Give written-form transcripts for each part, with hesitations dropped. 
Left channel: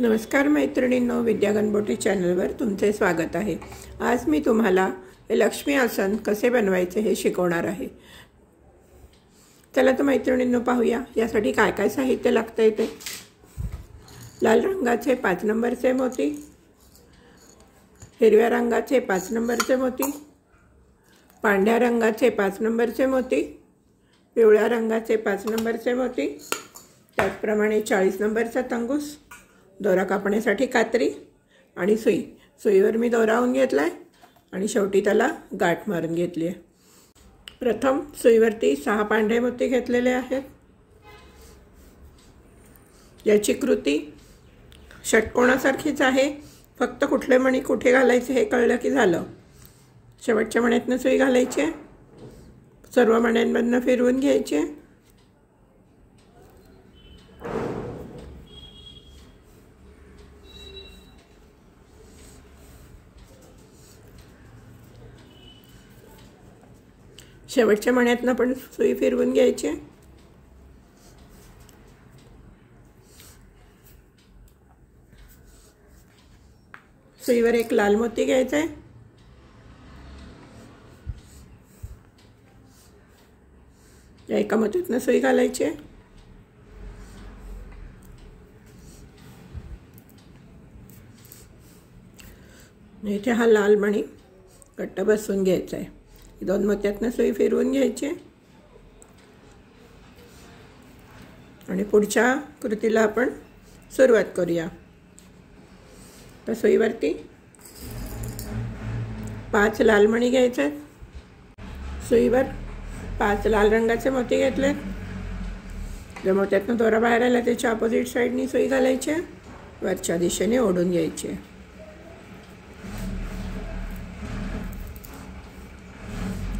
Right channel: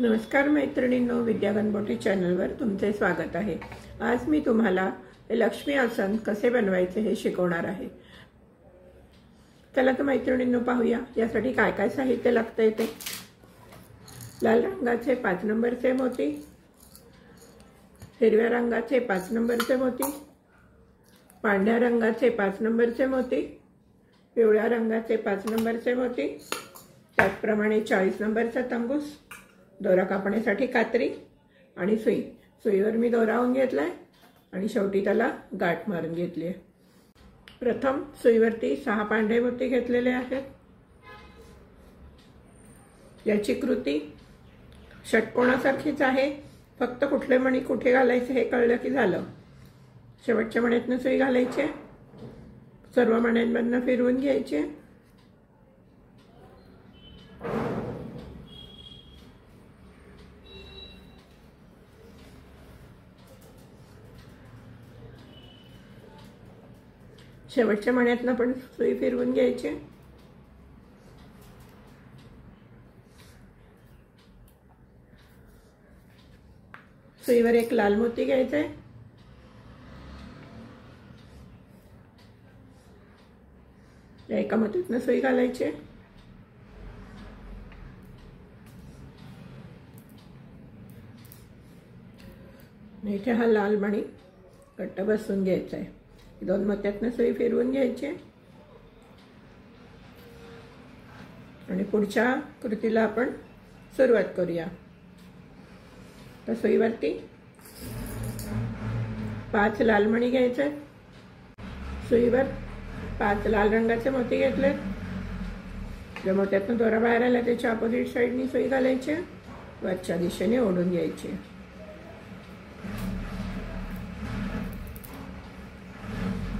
नमस्कार मैत्रिणींनो, विद्या गणबोटी चॅनलवर तुमचे स्वागत आहे। आज मी तुम्हाला लक्ष्मी आसन कसे बनवायचे हे शिकवणार आहे। चला तर मैत्रिणींनो पाहूया यासाठी काय काय साहित्य लागते ते। लाल रंगाचे 5 नंबरचे मोती, हिरव्या रंगाचे 5 नंबरचे मोती, पांढऱ्या रंगाचे 5 नंबरचे मोती, पिवळ्या रंगाचे 5 नंबरचे मोती, त्याचप्रमाणे 40 नंबरचा तंगूस, दोरा कापण्यासाठी कात्री आणि सुई। सुईवर मी दोरा लावून घेतलाय आणि शेवटी त्याला गाठ मारून घेतली आहे। प्रथम सुईवरती 6 पांढरे मोती घेतलेले आहेत। याची कृती षटकोनासारखीच आहे, फक्त कुठले मणी कुठे घालायचे हे कळलं की झालं। शेवटच्या मण्यातनं सुई घालायची, सर्व मण्यांमधनं फिरवून घ्यायचे। शेवटच्या मण्यातनं पण सुई फिरवून घ्यायची। सुईवर एक लाल मोती घ्यायचा आहे, एका मोतीतनं सुई घालायची। इथे हा लाल मणी घट्ट बसवून घ्यायचा आहे। 2 मोत्यातनं सुई फिरवून घ्यायची आणि पुढच्या कृतीला आपण सुरुवात करूया। तर सुईवरती 5 लाल मणी घ्यायचे। सुईवर 5 लाल रंगाचे मोती घेतलेत। ज्या मोत्यातनं दोरा बाहेर आला त्याच्या ऑपोजिट साईडनी सुई घालायची, वरच्या दिशेने ओढून घ्यायची।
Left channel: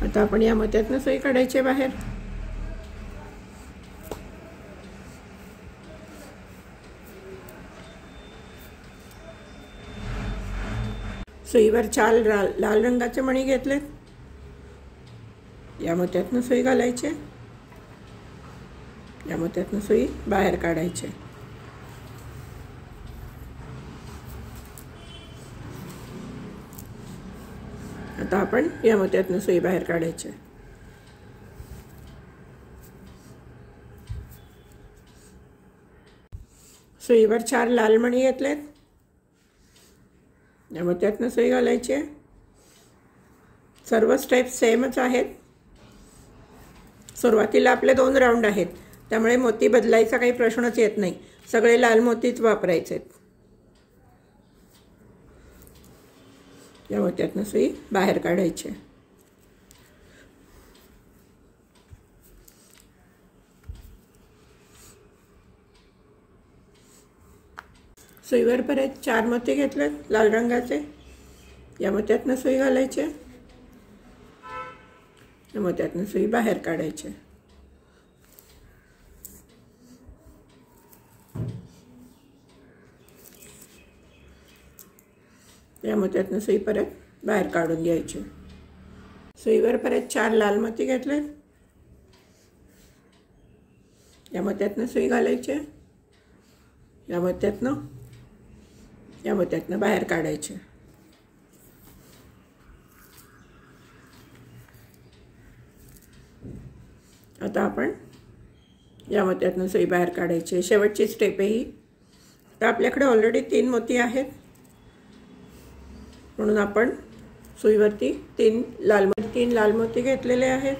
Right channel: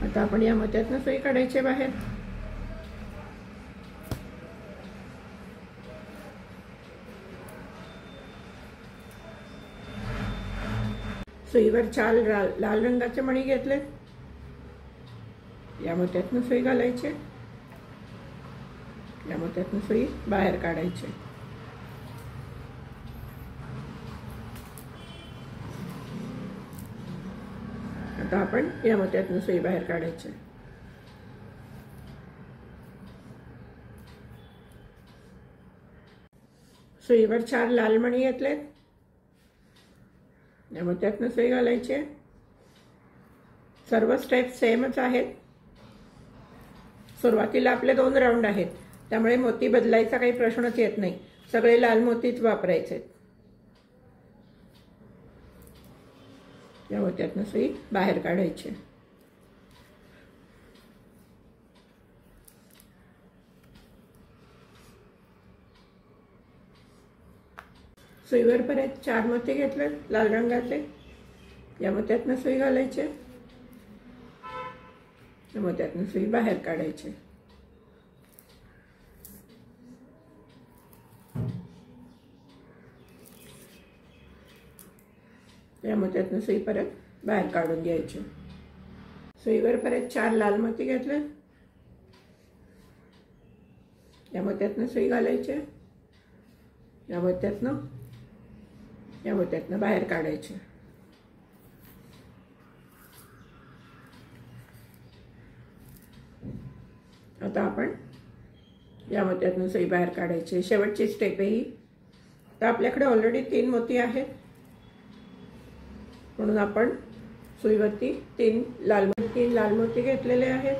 आता आपण या मोत्यातनं सुई काढायची बाहेर। सुईवर 4 लाल रंगाचे मणी घेतलेत। या मोत्यातनं सुई घालायची, या मोत्यातनं सुई बाहेर काढायची। आता आपण या मोत्यातनं सुई बाहेर काढायची। सुईवर 4 लाल मणी घेतलेत। या मोत्यातनं सुई घालायची। सर्व स्टेप सेमच आहेत। सुरुवातीला आपले 2 राऊंड आहेत, त्यामुळे मोती बदलायचा काही प्रश्नच येत नाही, सगळे लाल मोतीच वापरायचे। या मोत्यातनं सुई बाहेर काढायची। सुईवर परत 4 मोती घेतलेत लाल रंगाचे। या मोत्यातनं सुई घालायची, या मोत्यातनं सुई बाहेर काढायची। या मोत्यातनं सुई परत बाहेर काढून घ्यायची। सुईवर परत 4 लाल मोती घेतले। या मोत्यातनं सुई घालायची, या मोत्यातनं बाहेर काढायचे। आता आपण या मोत्यातनं सुई बाहेर काढायची। शेवटची स्टेप आहे ही। तर आपल्याकडे ऑलरेडी 3 मोती आहेत, म्हणून आपण सुईवरती 3 लाल मोती घेतलेले आहेत।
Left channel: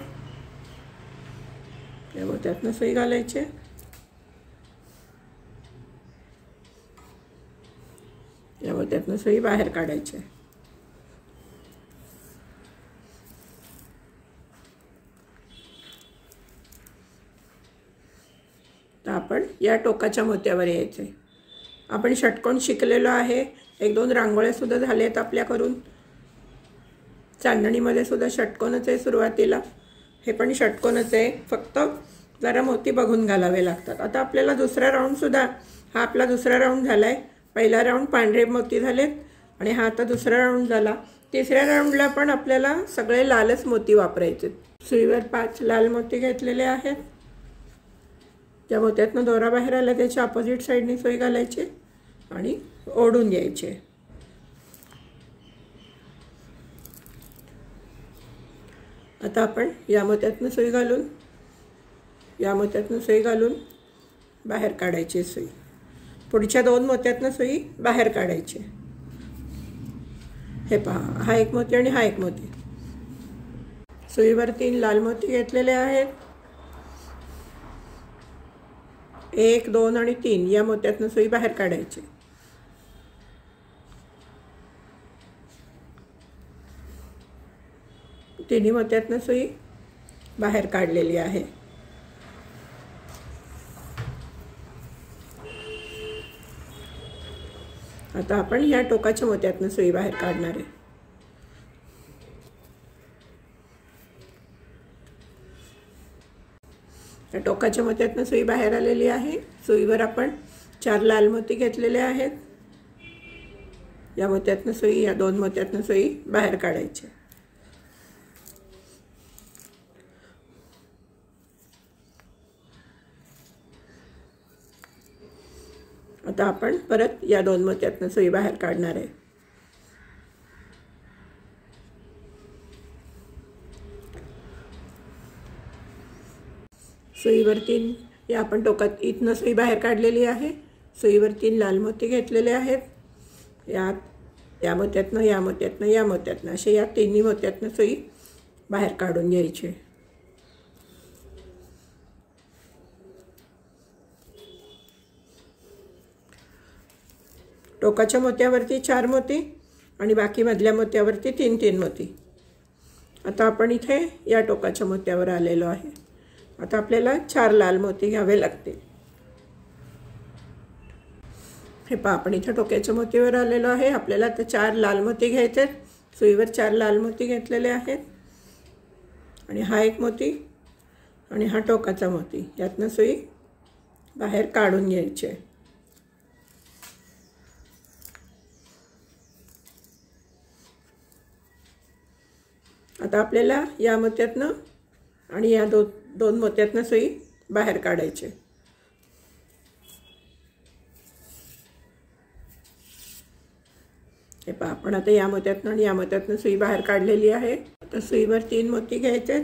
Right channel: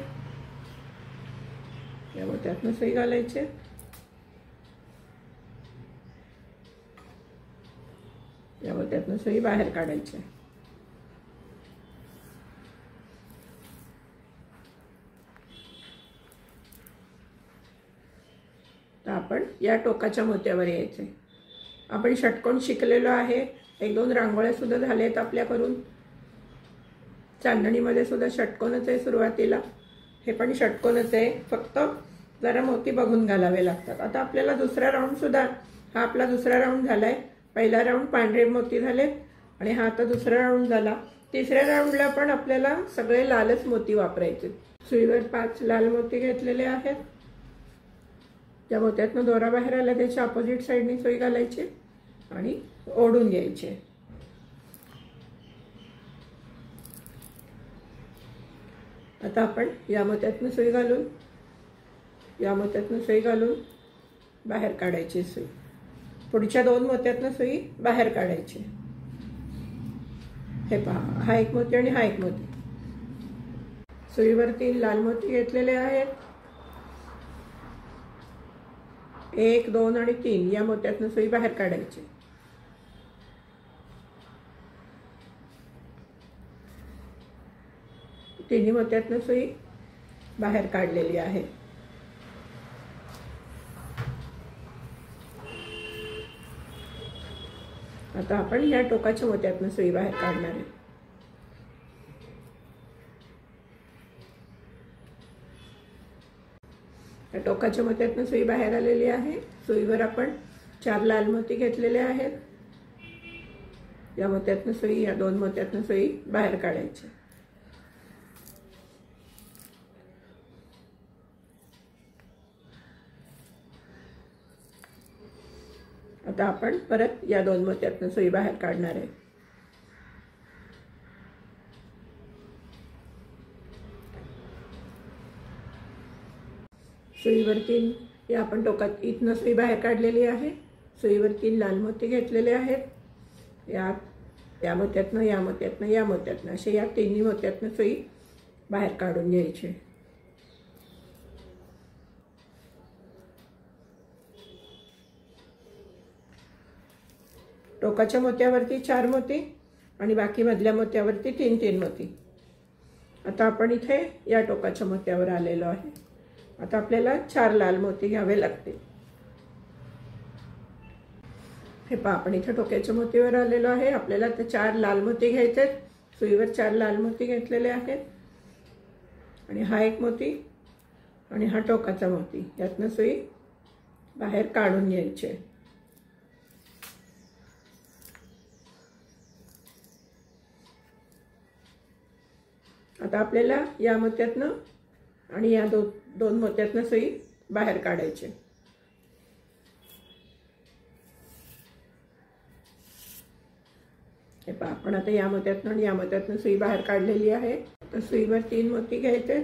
या मोत्यातनं सुई घालायची, या मोत्यातनं सुई बाहेर काढायची। तर आपण या टोकाच्या मोत्यावर यायचे। आपण षटकोन शिकलेलो आहे, 1-2 रांगोळ्या सुद्धा झाल्यात आपल्याकडून। चांदणीमध्ये सुद्धा षटकोनच आहे सुरुवातीला, हे पण षटकोनच आहे, फक्त जरा मोती बघून घालावे लागतात। आता आपल्याला दुसरा राऊंड सुद्धा, हा आपला दुसरा राऊंड झालाय। पहिला राऊंड पांढरे मोती झालेत आणि हा आता दुसरा राऊंड झाला। तिसऱ्या राऊंडला पण आपल्याला सगळे लालच मोती वापरायचे। सुईवर 5 लाल मोती घेतलेले आहेत। त्या मोत्यातनं दोरा बाहेर आला त्याच्या ऑपोजिट साइडने सुई घालायची आणि ओढून घ्यायचे. आता आपण या मोत्यातनं सुई घालून बाहेर काढायची सुई. पुढच्या 2 मोत्यातनं सुई बाहेर काढायची. हे पहा, हा एक मोती आणि हा एक मोती. सुईवर 3 लाल मोती घेतलेले आहेत. 1, 2 आणि 3 या मोत्यातनं सुई बाहेर काढायची. तिन्ही मोत्यातनं सुई बाहेर काढलेली आहे. आता आपण या टोकाच्या मोत्यातनं सुई बाहेर काढणार आहे. या टोकाच्या मोत्यातनं सुई बाहेर आलेली आहे. सुईवर आपण 4 लाल मोती घेतलेले आहेत. या मोत्यातनं सुई, या 2 मोत्यातनं सुई बाहेर काढायची. आता आपण परत या 2 मोत्यातनं सुई बाहेर काढणार आहे. सुईवर 3 या आपण टोकात इथनं सुई बाहेर काढलेली आहे. सुईवर 3 लाल मोती घेतलेले आहेत. या मोत्यातनं असे या 3 मोत्यातनं सुई बाहेर काढून घ्यायची. टोकाच्या मोत्यावरती 4 मोती आणि बाकी मधल्या मोत्यावरती 3 मोती. आता आपण इथे या टोकाच्या मोत्यावर आलेलो आहे. आता आपल्याला 4 लाल मोती घ्यावे लागतील. हे पहा, आपण इथे टोक्याच्या मोतीवर आलेलो आहे. आपल्याला आता 4 लाल मोती घ्यायचे. सुईवर 4 लाल मोती घेतलेले आहेत. आणि हा एक मोती आणि हा टोकाचा मोती, यातनं सुई बाहेर काढून घ्यायची. आता आपल्याला या मोत्यातनं आणि या 2 मोत्यातनं सुई बाहेर काढायची. हे पहा, आपण आता या मोत्यातनं आणि या मोत्यातनं सुई बाहेर काढलेली आहे. तर सुईवर 3 मोती घ्यायचे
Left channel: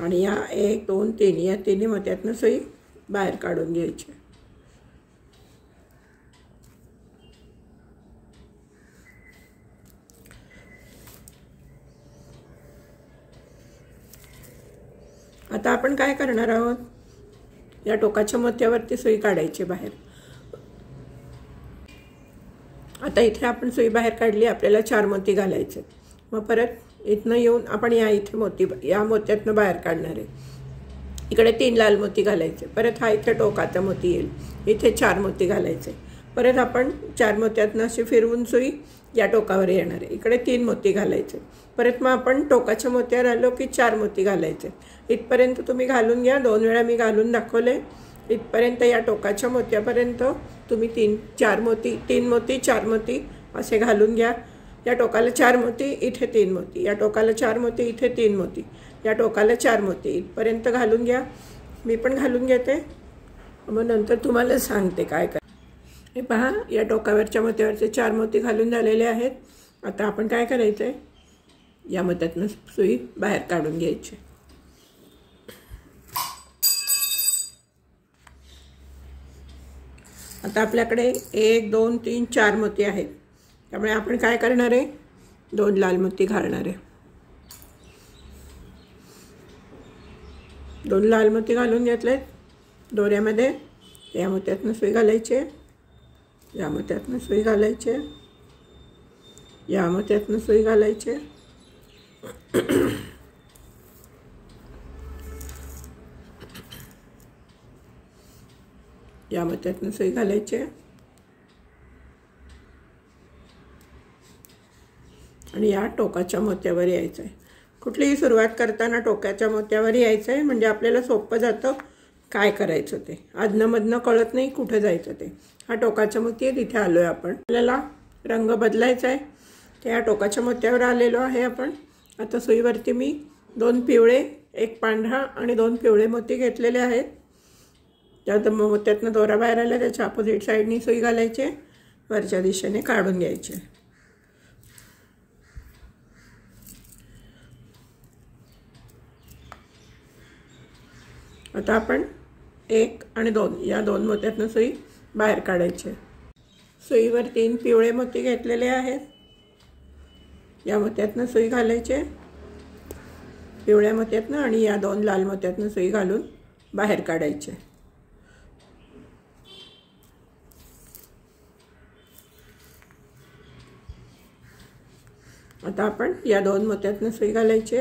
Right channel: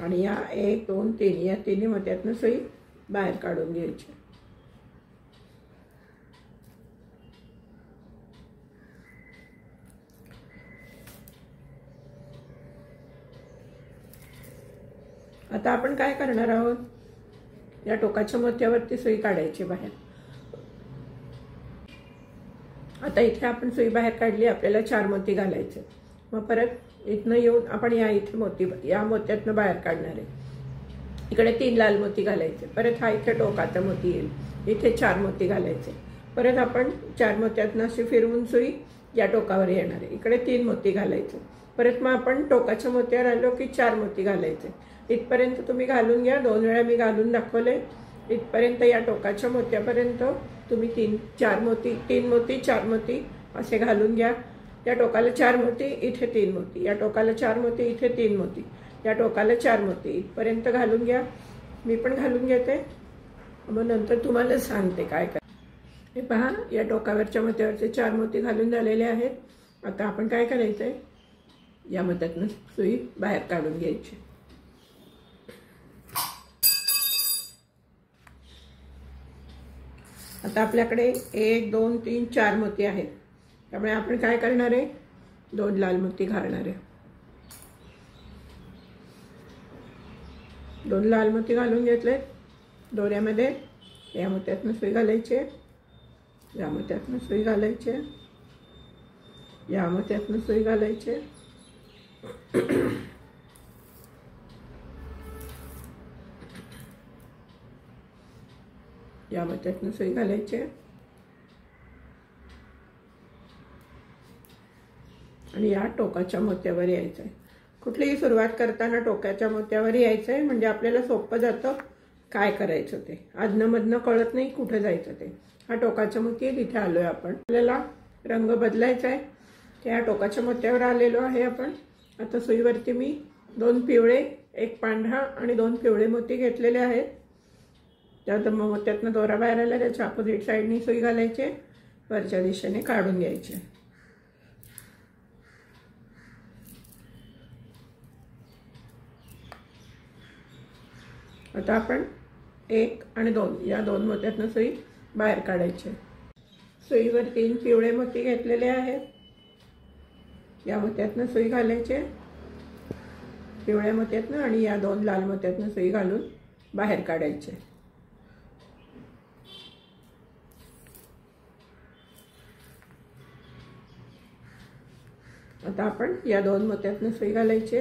आणि या 1, 2, 3 या 3 मोत्यातनं सुई बाहेर काढून घ्यायची. आता आपण काय करणार आहोत, या टोकाच्या मोत्यावरती सुई काढायची बाहेर. आता इथे आपण सुई बाहेर काढली. आपल्याला 4 मोती घालायचे. मग परत इथनं येऊन आपण या मोत्यातनं बाहेर काढणार आहे. इकडे 3 लाल मोती घालायचे. परत हा इथे टोकाचा मोती येईल. इथे 4 मोती घालायचे. परत आपण 4 मोत्यातनं अशी फिरवून सुई या टोकावर येणार आहे. इकडे 3 मोती घालायचे. परत मग आपण टोकाच्या मोत्यावर आलो की 4 मोती घालायचे. इथपर्यंत तुम्ही घालून घ्या. 2 वेळा मी घालून दाखवले. इथपर्यंत या टोकाच्या मोत्यापर्यंत तुम्ही 3 मोती 4 मोती असे घालून घ्या. या टोकाला 4 मोती, इथे 3 मोती. या टोकाला 4 मोती, इथे 3 मोती. या टोकाला 4 मोती. इथपर्यंत घालून घ्या. मी पण घालून घेते, मग नंतर तुम्हाला सांगते काय कर. हे पहा, या टोकावरच्या मोत्यावरचे 4 मोती घालून झालेले आहेत. आता आपण काय करायचं आहे, या मोत्यातनं सुई बाहेर काढून घ्यायची. आता आपल्याकडे 1, 2, 3, 4 मोती आहेत. त्यामुळे आपण काय करणार आहे, 2 लाल मोती घालणार आहे. 2 लाल मोती घालून घेतलेत दोऱ्यामध्ये. या मोत्यातनं सुई घालायचे, या मोत्यातनं सुई घालायचे, या मोत्यातनं सुई घालायचे. या मोत्यातनं सुई घालायचे आणि या टोकाच्या मोत्यावर यायचं आहे. कुठलीही सुरुवात करताना टोकाच्या मोत्यावर यायचं आहे, म्हणजे आपल्याला सोपं जातं काय करायचं ते. आदनमधनं कळत नाही कुठं जायचं ते. हा टोकाच्या मोती आहे, तिथे आलो आहे आपण. आपल्याला रंग बदलायचा आहे. त्या टोकाच्या मोत्यावर आलेलो आहे आपण. आता सुईवरती मी 2 पिवळे, 1 पांढरा आणि 2 पिवळे मोती घेतलेले आहेत. त्यातनं दोरा बाहेर आला त्याच्या अपोजिट साईडनी सुई घालायची, वरच्या दिशेने काढून घ्यायचे. आता आपण 1 आणि 2 या 2 मोत्यातनं सुई बाहेर काढायची. सुईवर 3 पिवळे मोती घेतलेले आहेत. या मोत्यातनं सुई घालायचे, पिवळ्या मोत्यातनं, आणि या 2 लाल मोत्यातनं सुई घालून बाहेर काढायचे. आता आपण या 2 मोत्यातनं सुई घालायची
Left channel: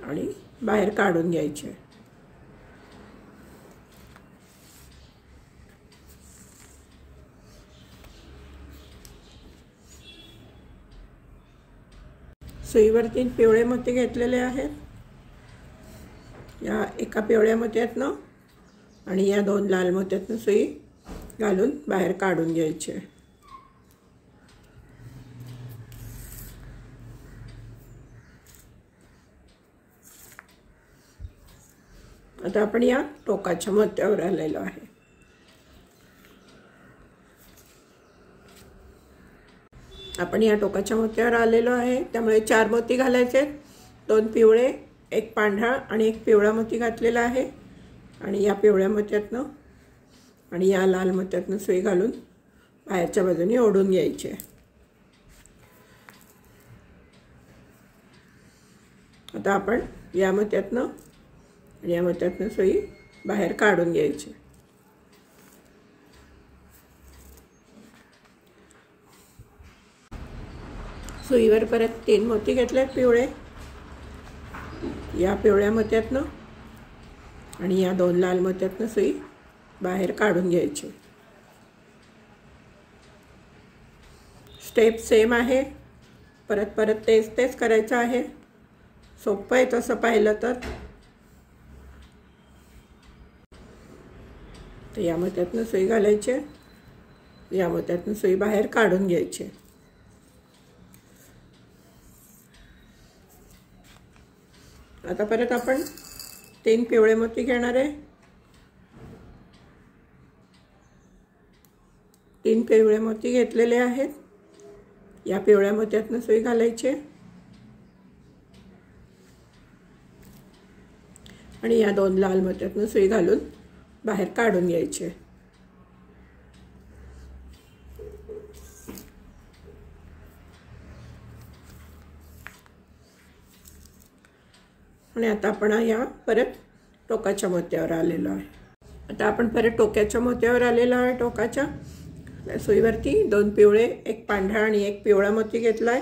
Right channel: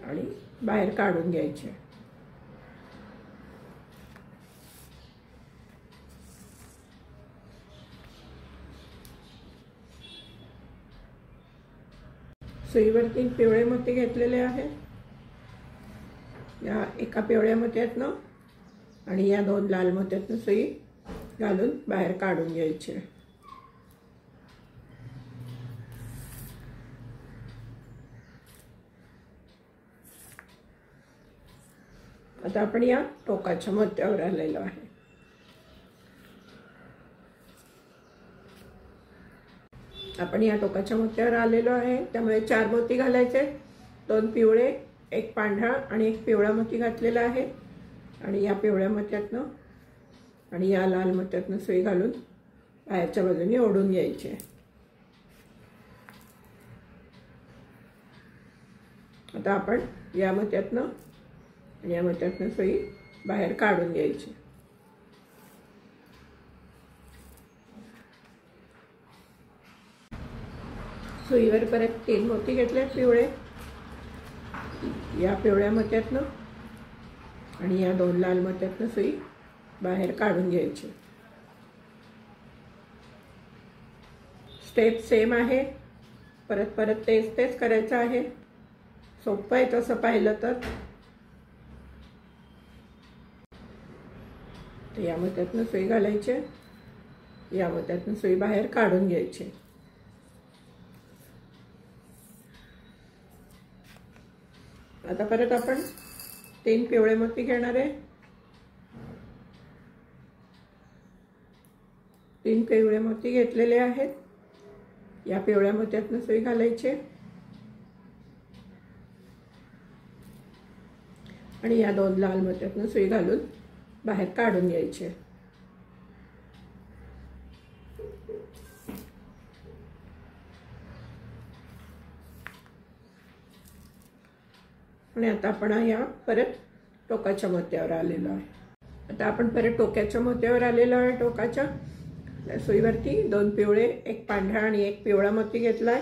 आणि बाहेर काढून घ्यायचे. सुईवर 3 पिवळे मोती घेतलेले आहेत. या एका पिवळ्या मोत्यातनं आणि या 2 लाल मोत्यातनं सुई घालून बाहेर काढून घ्यायचे. आता आपण या टोकाच्या मोत्यावर आलेलो आहे. आपण या टोकाच्या मोत्यावर आलेलो आहे, त्यामुळे 4 मोती घालायचे. 2 पिवळे, 1 पांढरा आणि 1 पिवळा मोती घातलेला आहे. आणि या पिवळ्या मोत्यातनं आणि या लाल मोत्यातनं सुई घालून बाहेरच्या बाजूने ओढून घ्यायचे. आता आपण या मोत्यातनं आणि या मोत्यातनं सुई बाहेर काढून घ्यायची. सुईवर परत 3 मोती घेतले पिवळे. या पिवळ्या मोत्यातनं आणि या 2 लाल मोत्यातनं सुई बाहेर काढून घ्यायची. स्टेप सेम आहे, परत तेच करायचं आहे. सोपं आहे तसं पाहिलं तर. या मोत्यातनं सुई घालायची, या मोत्यातनं सुई बाहेर काढून घ्यायची. आता परत आपण 3 पिवळे मोती घेणार आहे. 3 पिवळे मोती घेतलेले आहेत. या पिवळ्या मोत्यातनं सुई घालायची आणि या 2 लाल मोत्यातनं सुई घालून बाहेर काढून घ्यायचे. आणि आता आपण या परत टोकाच्या मोत्यावर आलेलो आहे. आता आपण परत टोक्याच्या मोत्यावर आलेलो आहे. टोकाच्या सुईवरती 2 पिवळे, 1 पांढरा आणि 1 पिवळा मोती घेतला आहे.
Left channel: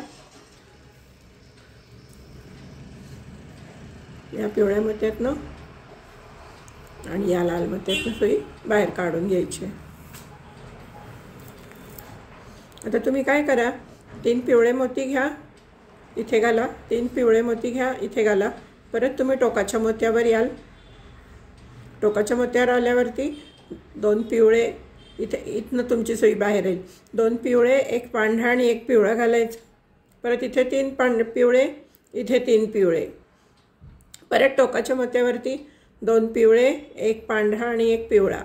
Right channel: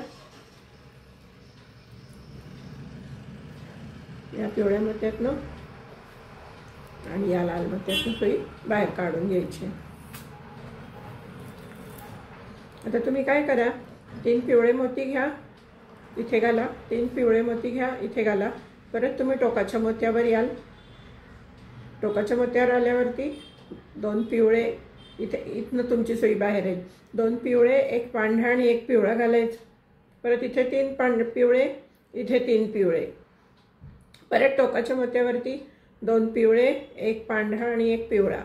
या पिवळ्या मोत्यातनं आणि या लाल मोत्यातनं सुई बाहेर काढून घ्यायची. आता तुम्ही काय करा, 3 पिवळे मोती घ्या, इथे घाला. 3 पिवळे मोती घ्या, इथे घाला. परत तुम्ही टोकाच्या मोत्यावर याल. टोकाच्या मोत्यावर आल्यावरती 2 पिवळे, इथनं तुमची सुई बाहेर येईल. 2 पिवळे, 1 पांढरा आणि 1 पिवळा घालायचं. परत इथे 3 पिवळे, इथे 3 पिवळे. परत टोकाच्या मोत्यावरती 2 पिवळे, 1 पांढरा आणि 1 पिवळा.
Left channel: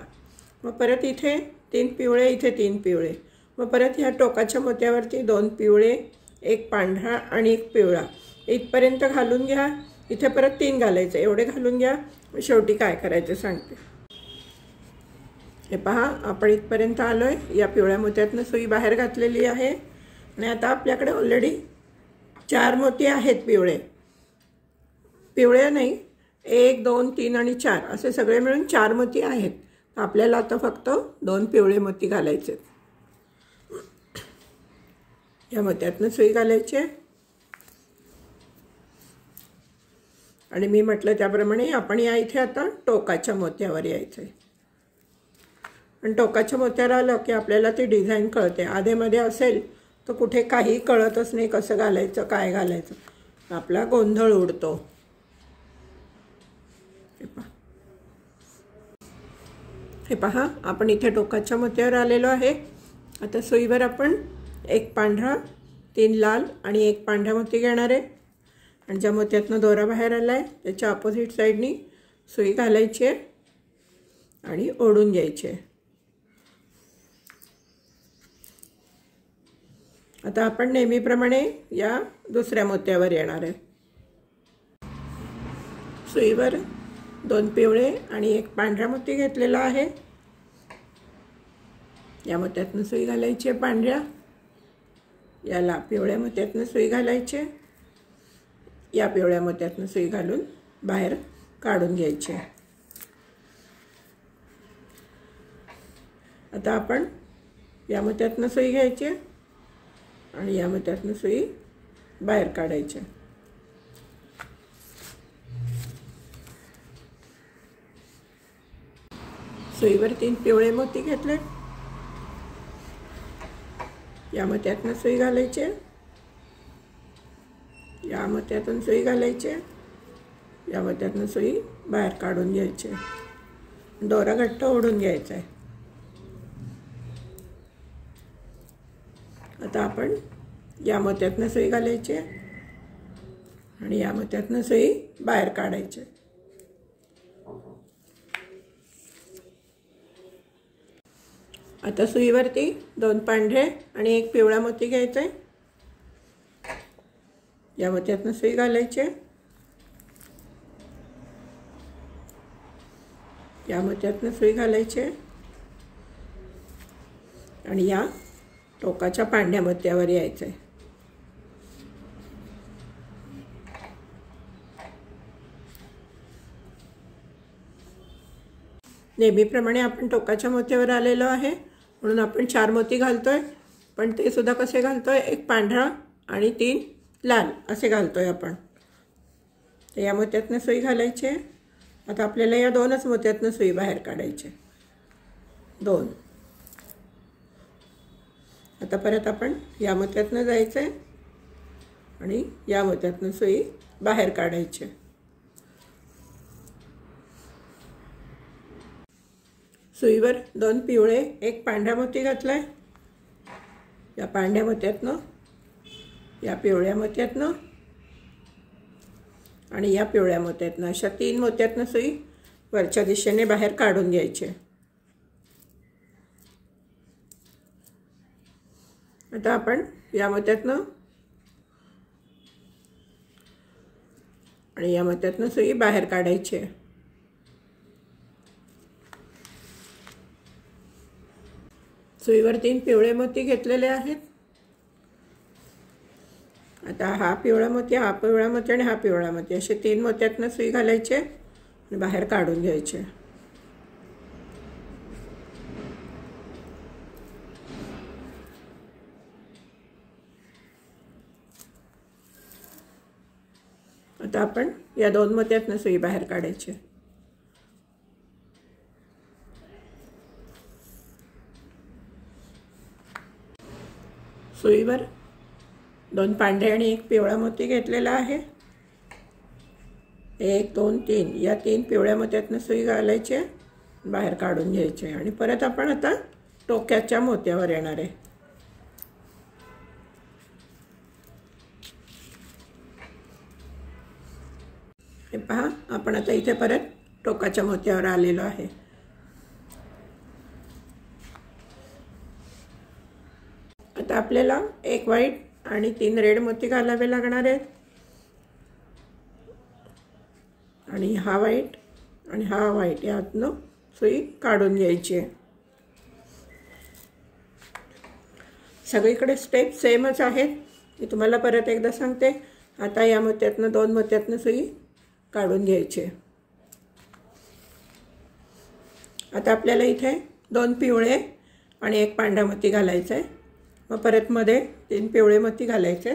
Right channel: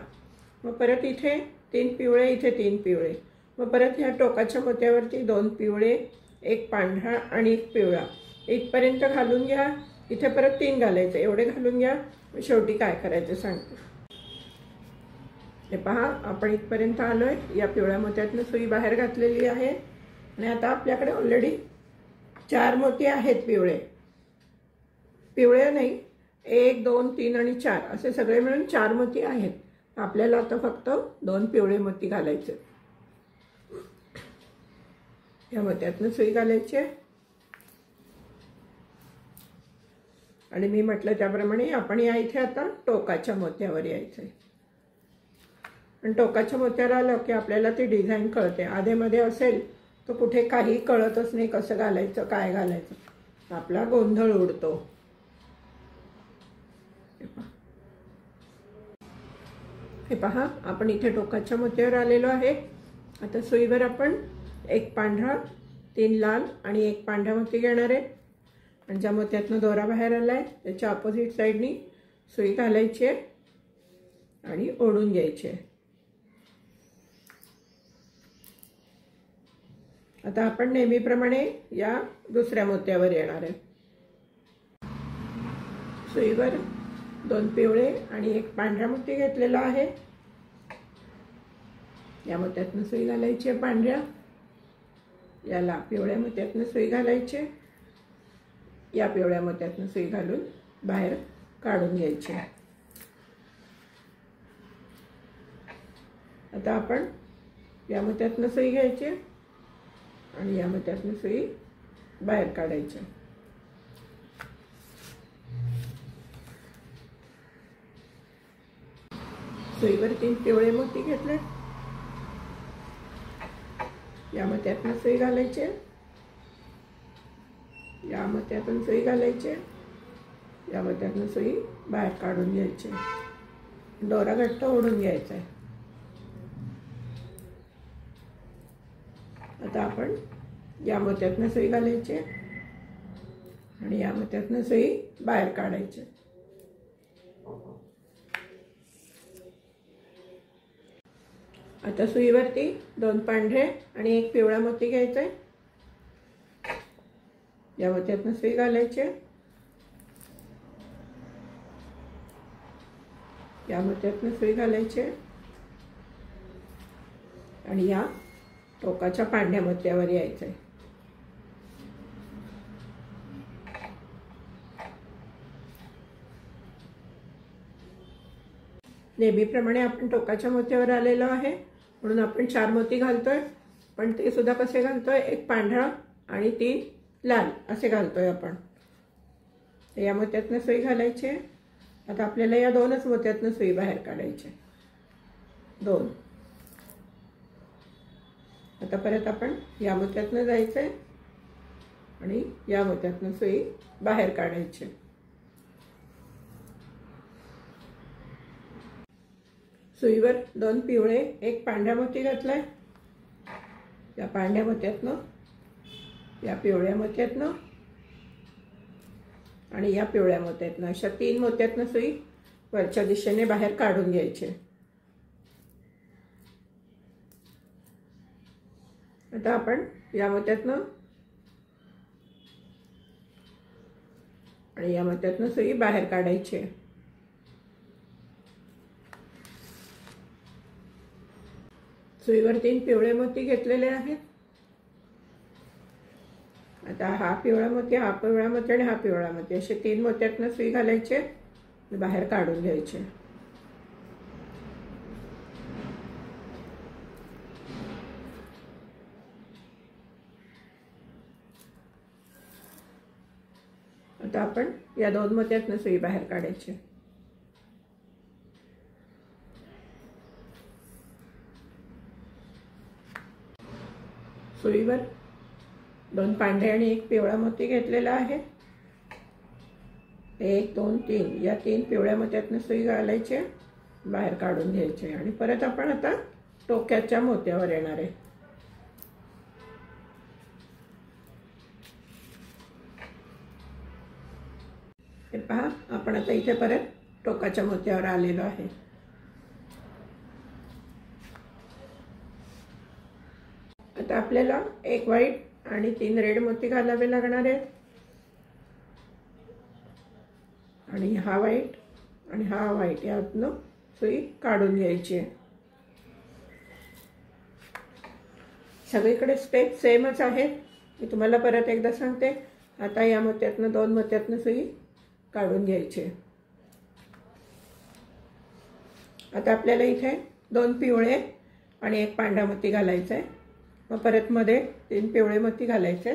मग परत इथे 3 पिवळे, इथे 3 पिवळे. मग परत ह्या टोकाच्या मोत्यावरती 2 पिवळे, 1 पांढरा आणि 1 पिवळा. इथपर्यंत घालून घ्या. इथे परत 3 घालायचे. एवढे घालून घ्या. शेवटी काय करायचं सांगते. हे पहा, आपण इथपर्यंत आलोय. या पिवळ्या मोत्यातनं सुई बाहेर घातलेली आहे आणि आता आपल्याकडे ऑलरेडी 4 मोती आहेत. पिवळे नाही, 1, 2, 3 आणि 4 असे सगळे मिळून 4 मोती आहेत. आपल्याला आता फक्त 2 पिवळे मोती घालायचे. या मोत्यातनं सुई घालायची आणि मी म्हटलं त्याप्रमाणे आपण या इथे आता टोकाच्या मोत्यावर यायचं आहे. आणि टोकाच्या मोत्यावर आलं की आपल्याला ती डिझाईन कळते. आधेमध्ये असेल तर कुठे काही कळतच नाही, कसं घालायचं, काय घालायचं, आपला गोंधळ उडतो. हे पहा, आपण इथे टोकाच्या मोत्यावर आलेलो आहे. आता सुईवर आपण 1 पांढरा, 3 लाल आणि 1 पांढरा मोती घेणार आहे. आणि ज्या मोत्यातनं दोरा बाहेर आला आहे त्याच्या अपोजिट साईडनी सुई घालायची आहे आणि ओढून घ्यायचे। आता आपण नेहमीप्रमाणे या दुसऱ्या मोत्यावर येणार आहे। सुईवर 2 पिवळे आणि 1 पांढरा मोती घेतलेला आहे। या मोत्यातून सुई घालायची आहे पांढऱ्या, याला पिवळ्या मोत्यातून सुई घालायची, या पिवळ्या मोत्यातून सुई घालून बाहेर काढून घ्यायची। आता आपण या मोत्यातून सुई घ्यायची आणि या मोत्यातून सुई बाहेर काढायची। सुईवर 3 पिवळे मोती घेतले, या मोत्यातून सुई घालायची, या मोत्यातून सुई घालायची, या मोत्यातून सुई बाहेर काढून घ्यायची। दोरा घट्ट ओढून घ्यायचा आहे। आता आपण या मोत्यातून सुई घालायची आणि या मोत्यातून सुई बाहेर काढायची। आता सुईवरती 2 पांढरे आणि 1 पिवळा मोती घ्यायचा आहे, या मोत्यातून सुई घालायची, या मोत्यातून सुई घालायची आणि या टोकाच्या पांढऱ्या मोत्यावर यायचं आहे। नेहमीप्रमाणे आपण टोकाच्या मोत्यावर आलेलो आहे म्हणून आपण 4 मोती घालतोय, पण ते सुद्धा कसे घालतोय, 1 पांढरा आणि 3 लाल असे घालतोय आपण। या मोत्यातून सुई घालायची। आता आपल्याला या 2च मोत्यातून सुई बाहेर काढायची, 2। आता परत आपण या मोत्यातून जायचं आणि या मोत्यातून सुई बाहेर काढायची। सुईवर 2 पिवळे 1 पांढरा मोती घातलाय, या पांढऱ्या मोत्यातून, या पिवळ्या मोत्यातून आणि या पिवळ्या मोत्यातून, अशा 3 मोत्यातून सुई वरच्या दिशेने बाहेर काढून घ्यायची। आता आपण या मोत्यातून आणि या मोत्यातून सुई बाहेर काढायची। सुईवर 3 पिवळे मोती घेतलेले आहेत। आता हा पिवळा मोती, हा पिवळा मोती आणि हा पिवळा मोती, असे 3 मोत्यातून सुई घालायची आणि बाहेर काढून घ्यायचे। आता आपण या 2 मोत्यातून सुई बाहेर काढायची। सुईवर 2 पांढरे आणि 1 पिवळा मोती घेतलेला आहे। 1 2 3 या 3 पिवळ्या मोत्यातून सुई घालायची, बाहेर काढून घ्यायचे आणि परत आपण आता टोक्याच्या मोत्यावर येणार आहे। हे पहा, आपण आता इथे परत टोकाच्या मोत्यावर आलेलो आहे। आता आपल्याला 1 व्हाईट आणि 3 रेड मोती घालावे लागणार आहेत आणि हा व्हाईट आणि हा व्हाईट यातनं सुई काढून घ्यायची आहे। सगळीकडे स्टेप सेमच आहेत, मी तुम्हाला परत एकदा सांगते। आता या मोत्यातनं 2 मोत्यातनं सुई काढून घ्यायची। आता आपल्याला इथे 2 पिवळे आणि 1 पांढरा मोती घालायचा आहे, मग परत मध्ये 3 पिवळे मोती घालायचे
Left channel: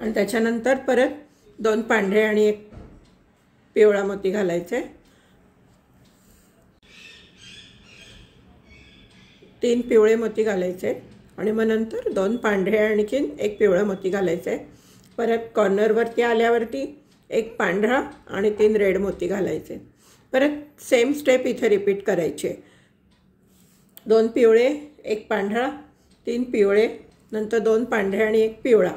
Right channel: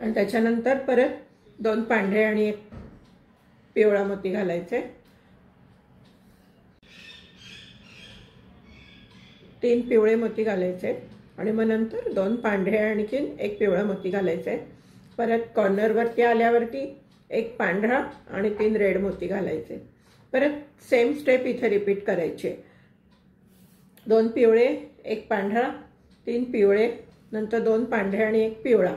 आणि त्याच्यानंतर परत 2 पांढरे आणि 1 पिवळा मोती घालायचे, 3 पिवळे मोती घालायचे आणि मग नंतर 2 पांढरे आणखीन 1 पिवळा मोती घालायचे। परत कॉर्नरवरती आल्यावरती 1 पांढरा आणि 3 रेड मोती घालायचे। परत सेम स्टेप इथे रिपीट करायचे। 2 पिवळे 1 पांढरा 3 पिवळे, नंतर 2 पांढरे आणि 1 पिवळा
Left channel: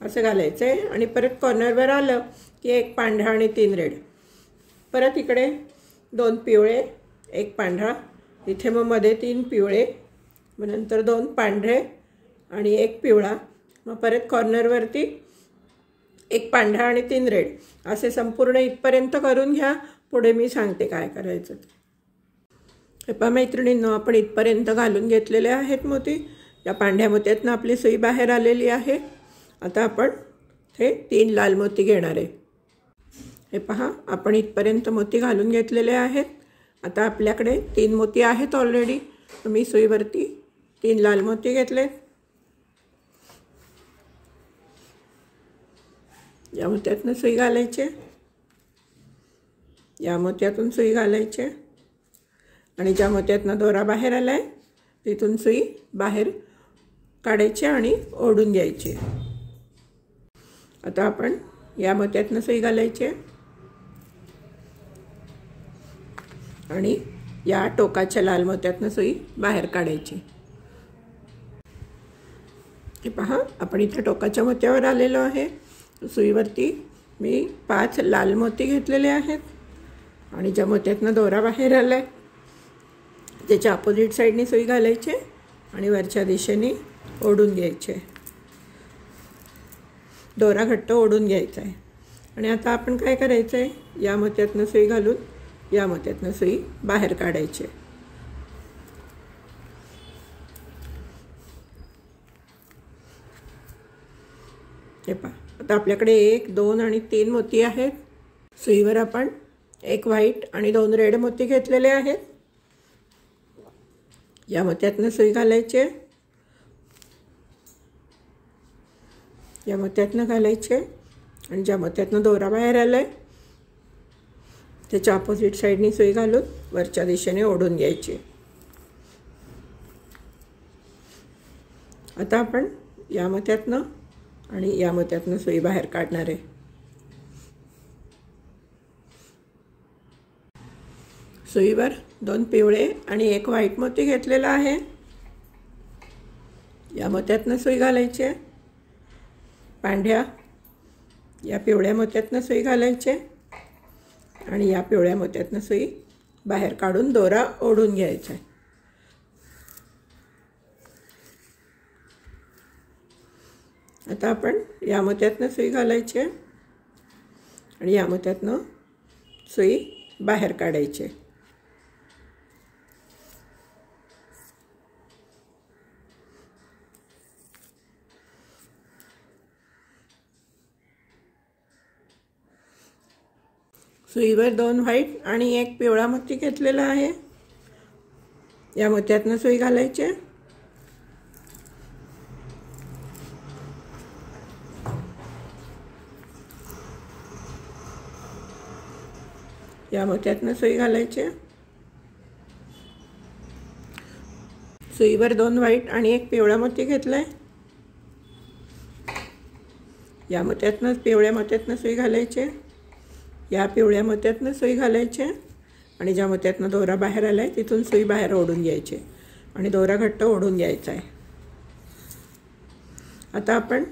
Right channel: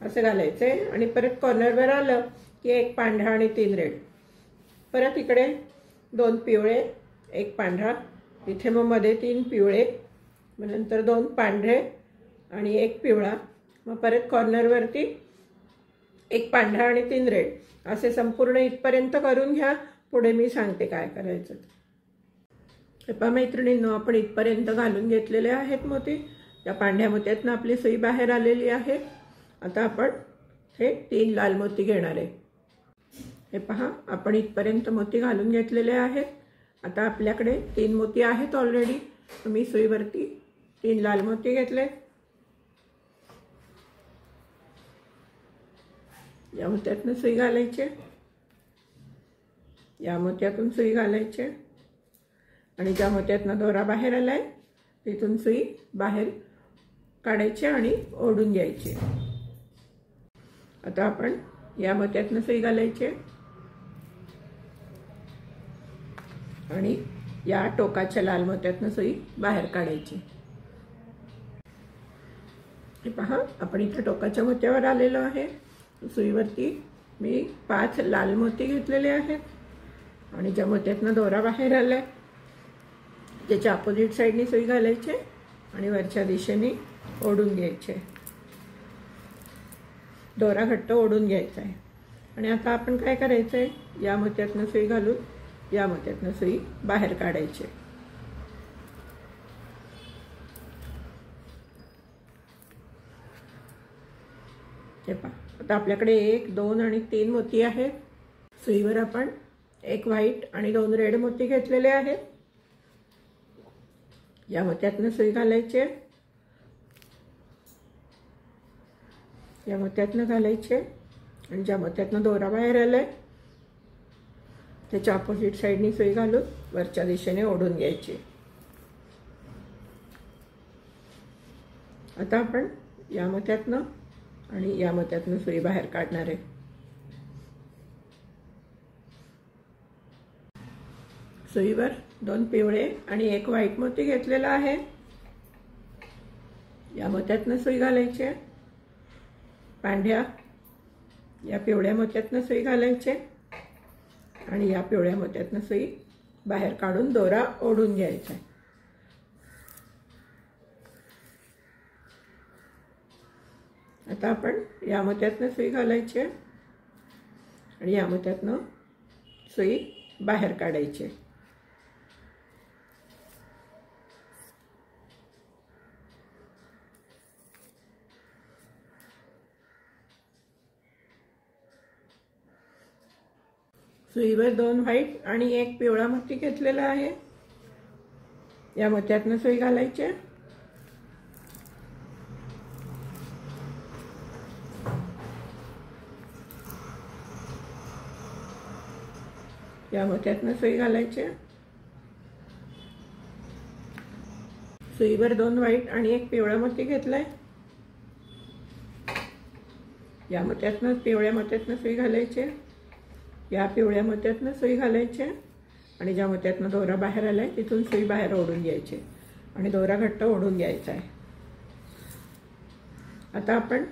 असं घालायचं आहे आणि परत कॉर्नरवर आलं की 1 पांढरा आणि 3 रेड, परत इकडे 2 पिवळे एक पांढरा, इथे मग मध्ये 3 पिवळे, मग नंतर 2 पांढरे आणि 1 पिवळा, मग परत कॉर्नरवरती 1 पांढरा आणि 3 रेड, असे संपूर्ण इथपर्यंत करून घ्या. पुढे मी सांगते काय करायचं. हे पहा मैत्रिणींनो, आपण इथपर्यंत घालून घेतलेले आहेत मोती. या पांढऱ्या मोत्यातनं आपली सुई बाहेर आलेली आहे. आता आपण हे 3 लाल मोती घेणार आहे. हे पहा, आपण इथपर्यंत मोती घालून घेतलेले आहेत. आता आपल्याकडे 3 मोती आहेत ऑलरेडी. मी सुईवरती 3 लाल मोती घेतले. या मोत्यातून सुई घालायचे, या मोत्यातून सुई घालायचे आणि ज्या मोत्यातून दोरा बाहेर आलाय तिथून सुई बाहेर काढायची आणि ओढून घ्यायची. आता आपण या मोत्यातून सुई घालायची आणि या टोकाच्या लाल मोत्यातून सुई बाहेर काढायची. हे पहा, आपण इथे टोकाच्या मोत्यावर आलेलो आहे. सुईवरती मी 5 लाल मोती घेतलेले आहेत आणि ज्या मोत्यातून दोरा बाहेर आलाय त्याच्या अपोजिट साईडनी सुई घालायची आणि वरच्या दिशेने ओढून घ्यायचे. दोरा घट्ट ओढून घ्यायचा आहे. आणि आता आपण काय करायचं आहे, या मोत्यातून सुई घालून या मोत्यातून सुई बाहेर काढायची. हे पहा, आता आपल्याकडे 1, 2 आणि 3 मोती आहेत. सुईवर आपण 1 व्हाईट आणि 2 रेड मोती घेतलेले आहेत. या मोत्यातून सुई घालायचे, या मोत्यातून घालायचे आणि ज्या मोत्यातून दोरा बाहेर आलाय त्याच्या अपोजिट साईडनी सुई घालून वरच्या दिशेने ओढून घ्यायची. आता आपण या मोत्यातून आणि या मोत्यातून सुई बाहेर काढणार आहे. सुईवर 2 पिवळे आणि 1 व्हाईट मोती घेतलेला आहे. या मोत्यातून सुई घालायची, पांढऱ्या या पिवळ्या मोत्यातून सुई घालायची आणि या पिवळ्या मोत्यातून सुई बाहेर काढून दोरा ओढून घ्यायचा. आता आपण या मोत्यातून सुई घालायची आणि या मोत्यातून सुई बाहेर काढायची. सुईवर 2 व्हाईट आणि 1 पिवळा मोती घेतलेला आहे. या मोत्यातून सुई घालायची, या मोत्यातून सुई घालायची. सुईवर 2 व्हाईट आणि 1 पिवळा मोती घेतलाय. या मोत्यातून पिवळ्या मोत्यातून सुई घालायची, या पिवळ्या मोत्यातून सुई घालायची आणि ज्या मोत्यातून दोरा बाहेर आलाय तिथून सुई बाहेर ओढून घ्यायची आणि दोरा घट्ट ओढून घ्यायचा आहे. आता आपण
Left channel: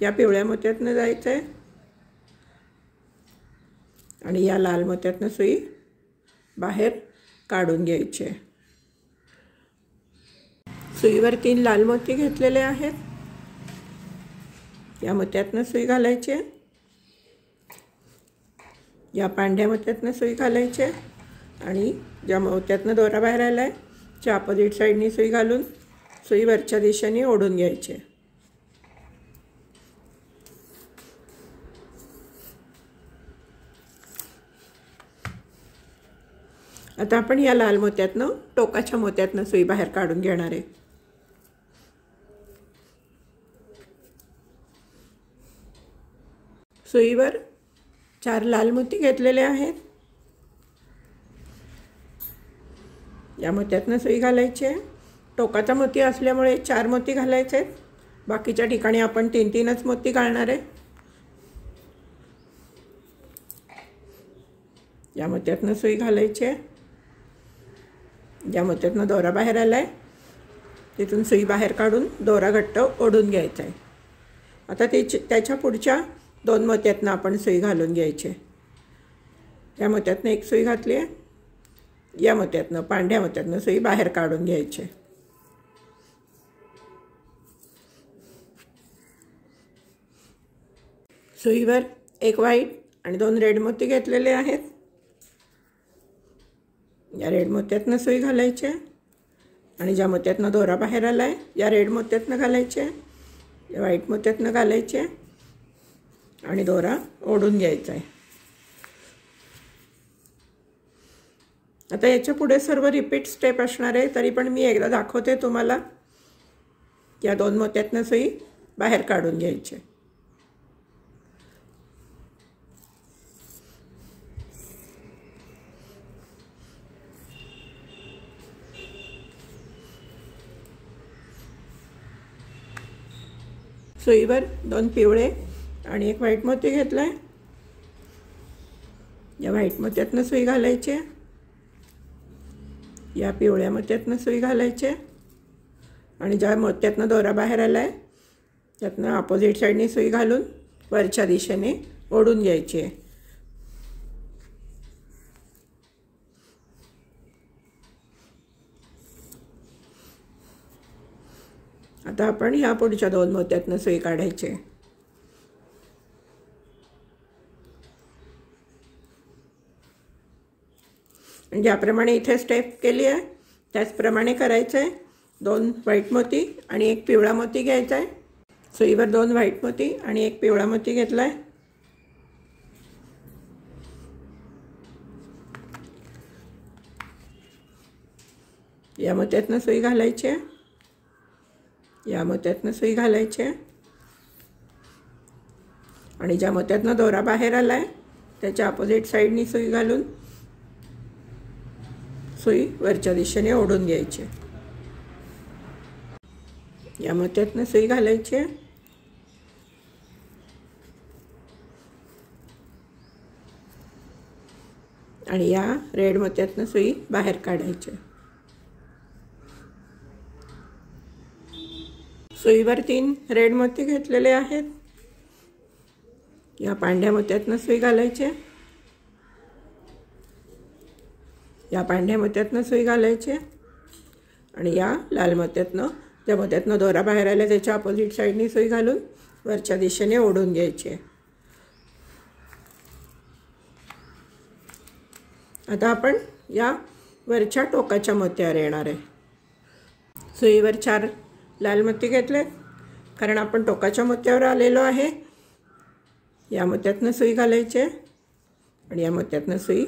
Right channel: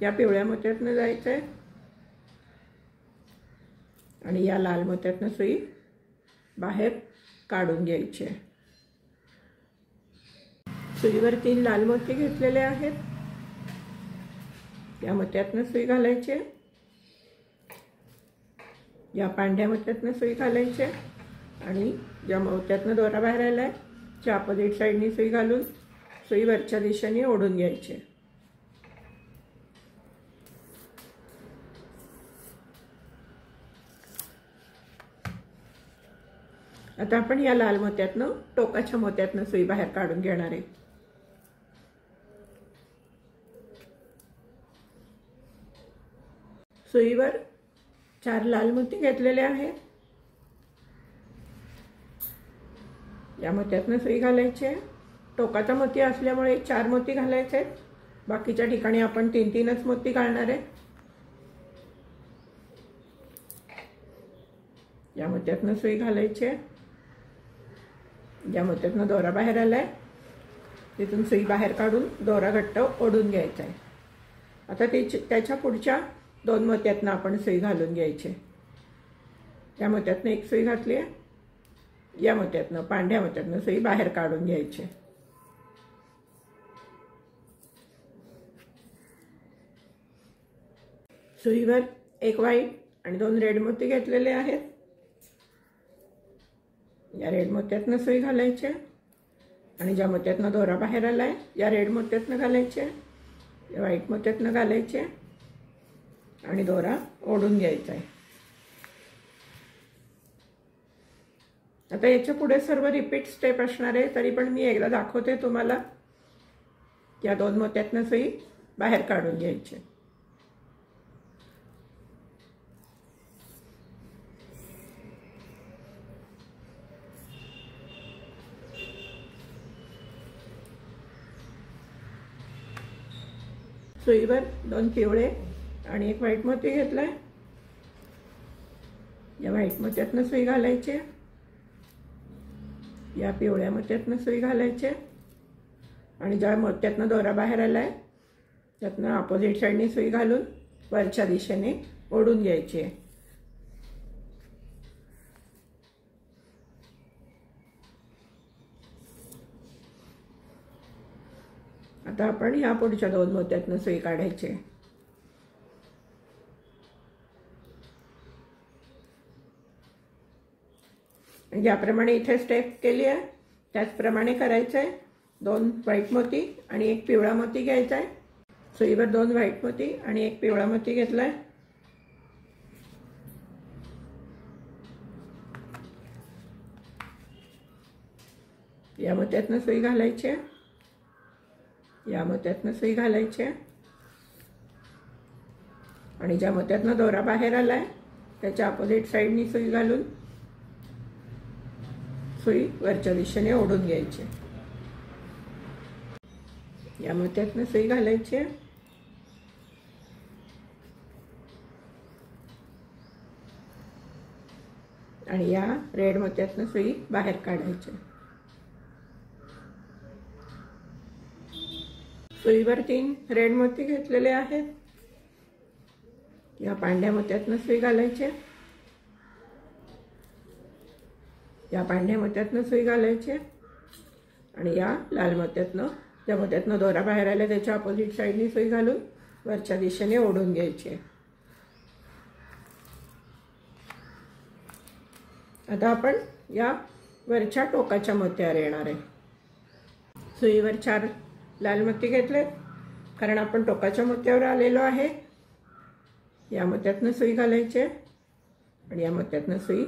या पिवळ्या मोत्यातून जायचं आहे आणि या लाल मोत्यातून सुई बाहेर काढून घ्यायची. सुईवर 3 लाल मोती घेतलेले आहेत. या मोत्यातून सुई घालायची, या पांढऱ्या मोत्यातून सुई घालायची आणि ज्या मोत्यातून दोरा बाहेर आलाय त्या अपोजिट साईडनी सुई घालून सुई वरच्या दिशेने ओढून घ्यायची. आता आपण या लाल मोत्यातून टोकाच्या मोत्यातून सुई बाहेर काढून घेणार आहे. सुईवर 4 लाल मोती घेतलेले आहेत. या मोत्यातून सुई घालायची. टोकाचा मोती असल्यामुळे 4 मोती घालायचे आहेत. बाकीच्या ठिकाणी आपण 3-3च मोती घालणार आहे. या मोत्यातून सुई घालायची, ज्या मोत्यातून दोरा बाहेर आलाय तिथून सुई बाहेर काढून दोरा घट्ट ओढून घ्यायचा आहे. आता त्याच्या पुढच्या 2 मोत्यातून आपण सुई घालून घ्यायची. या मोत्यातून 1 सुई घातली आहे, या मोत्यातनं पांढऱ्या मोत्यातनं सुई बाहेर काढून घ्यायची. सुईवर एक व्हाईट आणि 2 रेड मोती घेतलेले आहेत. या रेड मोत्यातनं सुई घालायची आणि ज्या मोत्यातनं दोरा बाहेर आला आहे या रेड मोत्यातनं घालायचे, या व्हाईट मोत्यातनं घालायचे आणि दोरा ओढून घ्यायचा आहे. आता याच्या पुढे सर्व रिपीट स्टेप असणार आहे, तरी पण मी एकदा दाखवते तुम्हाला. या 2 मोत्यातनं सुई बाहेर काढून घ्यायची. सुईवर 2 पिवळे आणि एक व्हाईट मोती घेतलाय. या व्हाईट मोत्यातनं सुई घालायची, या पिवळ्या मोत्यातनं सुई घालायची आणि ज्या मोत्यातनं दोरा बाहेर आला आहे त्यातनं अपोजिट साईडने सुई घालून वरच्या दिशेने ओढून घ्यायची आहे. आता आपण या पुढच्या 2 मोत्यातनं सुई काढायची. ज्याप्रमाणे इथे स्टेप केली आहे त्याचप्रमाणे करायचं आहे. 2 व्हाईट मोती आणि एक पिवळा मोती घ्यायचा आहे. सुईवर 2 व्हाईट मोती आणि एक पिवळा मोती घेतला आहे. या मोत्यातनं सुई घालायची आहे, या मोत्यातनं सुई घालायची आणि ज्या मोत्यातनं दोरा बाहेर आला आहे त्याच्या अपोजिट साईडनी सुई घालून सुई वरच्या दिशेने ओढून घ्यायची. या मोत्यातनं सुई घालायची आणि या रेड मोत्यातनं सुई बाहेर काढायची. सुईवर 3 रेड मोती घेतलेले आहेत. या पांढऱ्या मोत्यातनं सुई घालायची, या पांढऱ्या मोत्यातनं सुई घालायची आणि या लाल मोत्यातनं, त्या मोत्यातनं दोरा बाहेर आला त्याच्या अपोजिट साईडने सुई घालून वरच्या दिशेने ओढून घ्यायची. आता आपण या वरच्या टोकाच्या मोत्यावर येणार आहे. सुईवर 4 लाल मोती घेतले कारण आपण टोकाच्या मोत्यावर आलेलो आहे. या मोत्यातनं सुई घालायची आणि या मोत्यातनं सुई.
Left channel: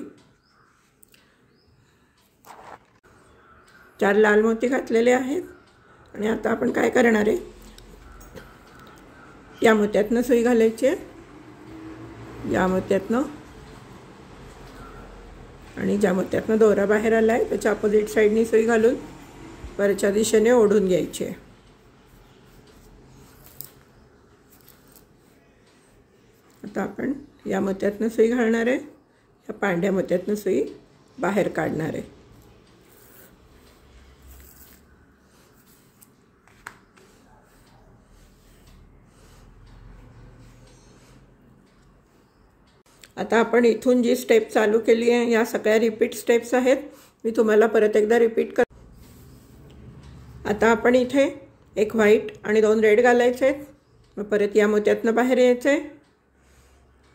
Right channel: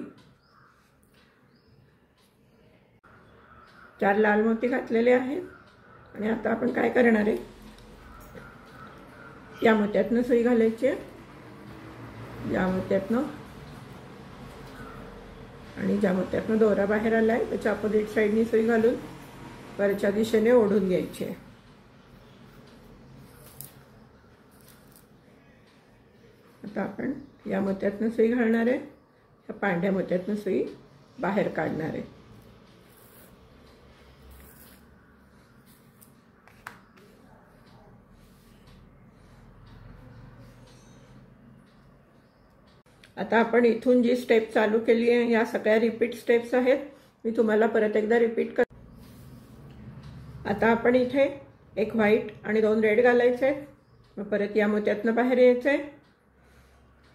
4 लाल मोती घातलेले आहेत आणि आता आपण काय करणार आहे, या मोत्यातनं सुई घालायची, या मोत्यातनं आणि ज्या मोत्यातनं दोरा बाहेर आला आहे त्याच्या अपोजिट साईडनी सुई घालून वरच्या दिशेने ओढून घ्यायची. आता आपण या मोत्यातनं सुई घालणार आहे, या पांढऱ्या मोत्यातनं सुई बाहेर काढणार आहे. आता आपण इथून जी स्टेप चालू केली आहे या सगळ्या रिपीट स्टेप्स आहेत. मी तुम्हाला परत एकदा रिपीट कर. आता आपण इथे एक व्हाईट आणि 2 रेड घालायचे आहेत. मग परत या मोत्यातनं बाहेर यायचे.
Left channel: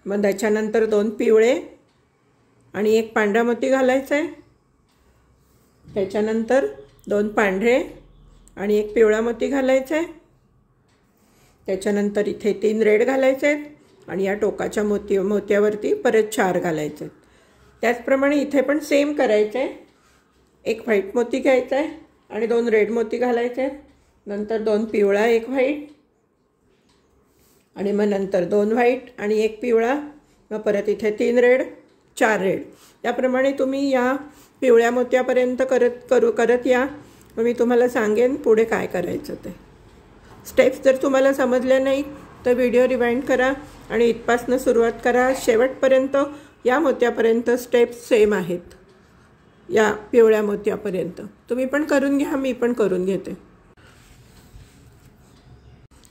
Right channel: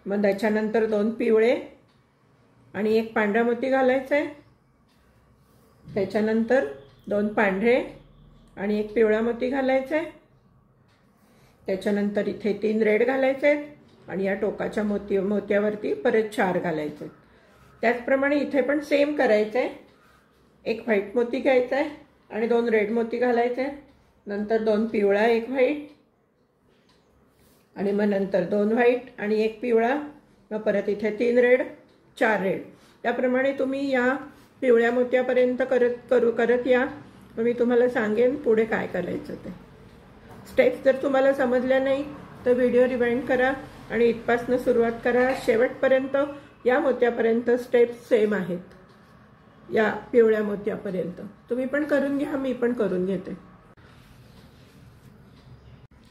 मग त्याच्यानंतर 2 पिवळे आणि एक पांढरा मोती घालायचे. त्याच्यानंतर 2 पांढरे आणि एक पिवळा मोती घालायचे. त्याच्यानंतर इथे 3 रेड घालायचे आणि या टोकाच्या मोत्यावरती परत 4 घालायचे. त्याचप्रमाणे इथे पण सेम करायचे. एक व्हाईट मोती घ्यायचा आहे आणि 2 रेड मोती घालायचे. नंतर 2 पिवळा, एक व्हाईट आणि मग नंतर 2 व्हाईट आणि एक पिवळा. मग परत इथे 3 रेड, 4 रेड. त्याप्रमाणे तुम्ही या पिवळ्या मोत्यापर्यंत करत या. मग मी तुम्हाला सांगेन पुढे काय करायचं ते. स्टेप्स जर तुम्हाला समजल्या नाही तर व्हिडिओ रिवाइंड करा आणि इथपासून सुरुवात करा. शेवटपर्यंत या मोत्यापर्यंत स्टेप्स सेम आहेत. या पिवळ्या मोत्यापर्यंत तुम्ही पण करून घ्या, मी पण करून घेते.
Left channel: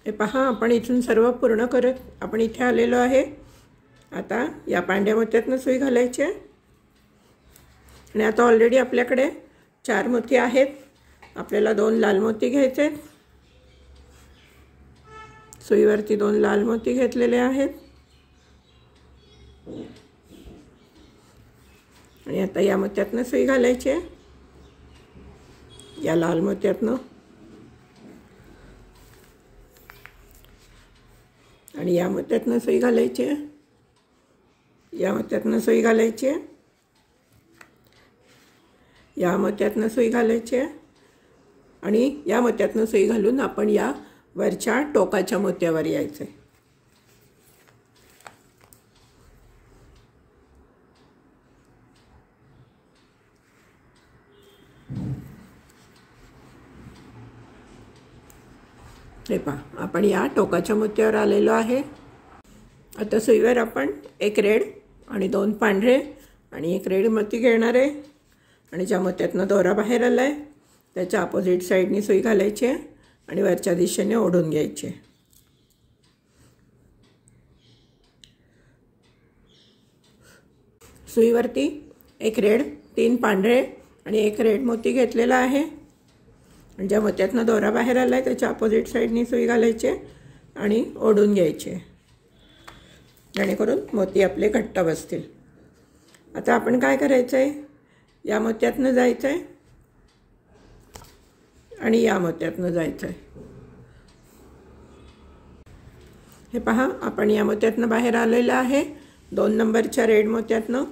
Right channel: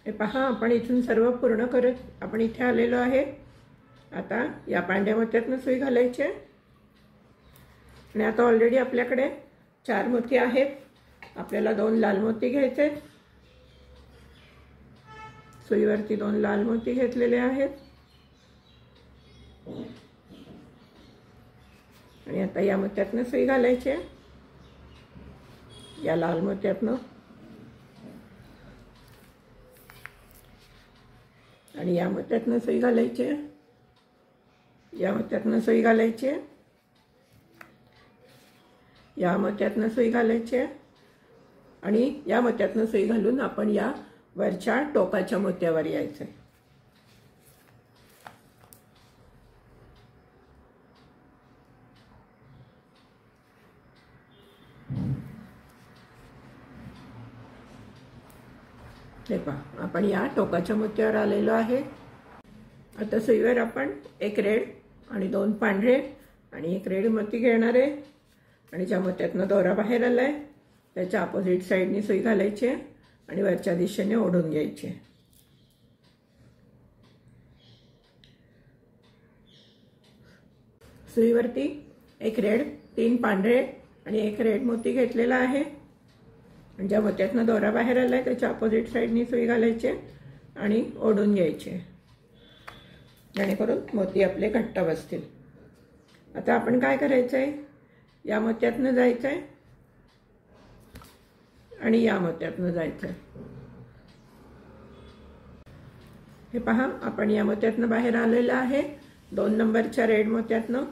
हे पहा, आपण इथून सर्व पूर्ण करत आपण इथे आलेलो आहे. आता या पांढऱ्या मोत्यातनं सुई घालायची आणि आता ऑलरेडी आपल्याकडे 4 मोती आहेत. आपल्याला 2 लाल मोती घ्यायचे. सुईवरती 2 लाल मोती घेतलेले आहेत. आणि आता या मोत्यातनं सुई घालायची आहे, या लाल मोत्यातनं. आणि या मोत्यातनं सुई घालायची आहे, या मोत्यातनं सुई घालायची आहे, या मोत्यातनं सुई घालायची आहे. आणि या मोत्यातनं सुई घालून आपण या वरच्या टोकाच्या मोत्यावर यायचं आहे. हे पहा, आपण या टोकाच्या मोत्यावर आलेलो आहे. आता सुईवर आपण 1 रेड आणि 2 पांढरे आणि 1 रेड मोती घेणार आहे. आणि ज्या मोत्यातनं दोरा बाहेर आला आहे त्याच्या अपोजिट साईडनी सुई घालायची आहे आणि वरच्या दिशेने ओढून घ्यायचे. सुईवरती 1 रेड, 3 पांढरे आणि 1 रेड मोती घेतलेला आहे. आणि ज्या मोत्यातनं दोरा बाहेर आला आहे त्याच्या अपोजिट साईडनी सुई घालायची आणि ओढून घ्यायचे, जेणेकरून मोती आपले घट्ट बसतील. आता आपण काय करायचं आहे, या मोत्यातनं जायचं आहे आणि या मोत्यातनं जायचं आहे. हे पहा, आपण या मोत्यातनं बाहेर आलेलं आहे 2 नंबरच्या रेड मोत्यातनं.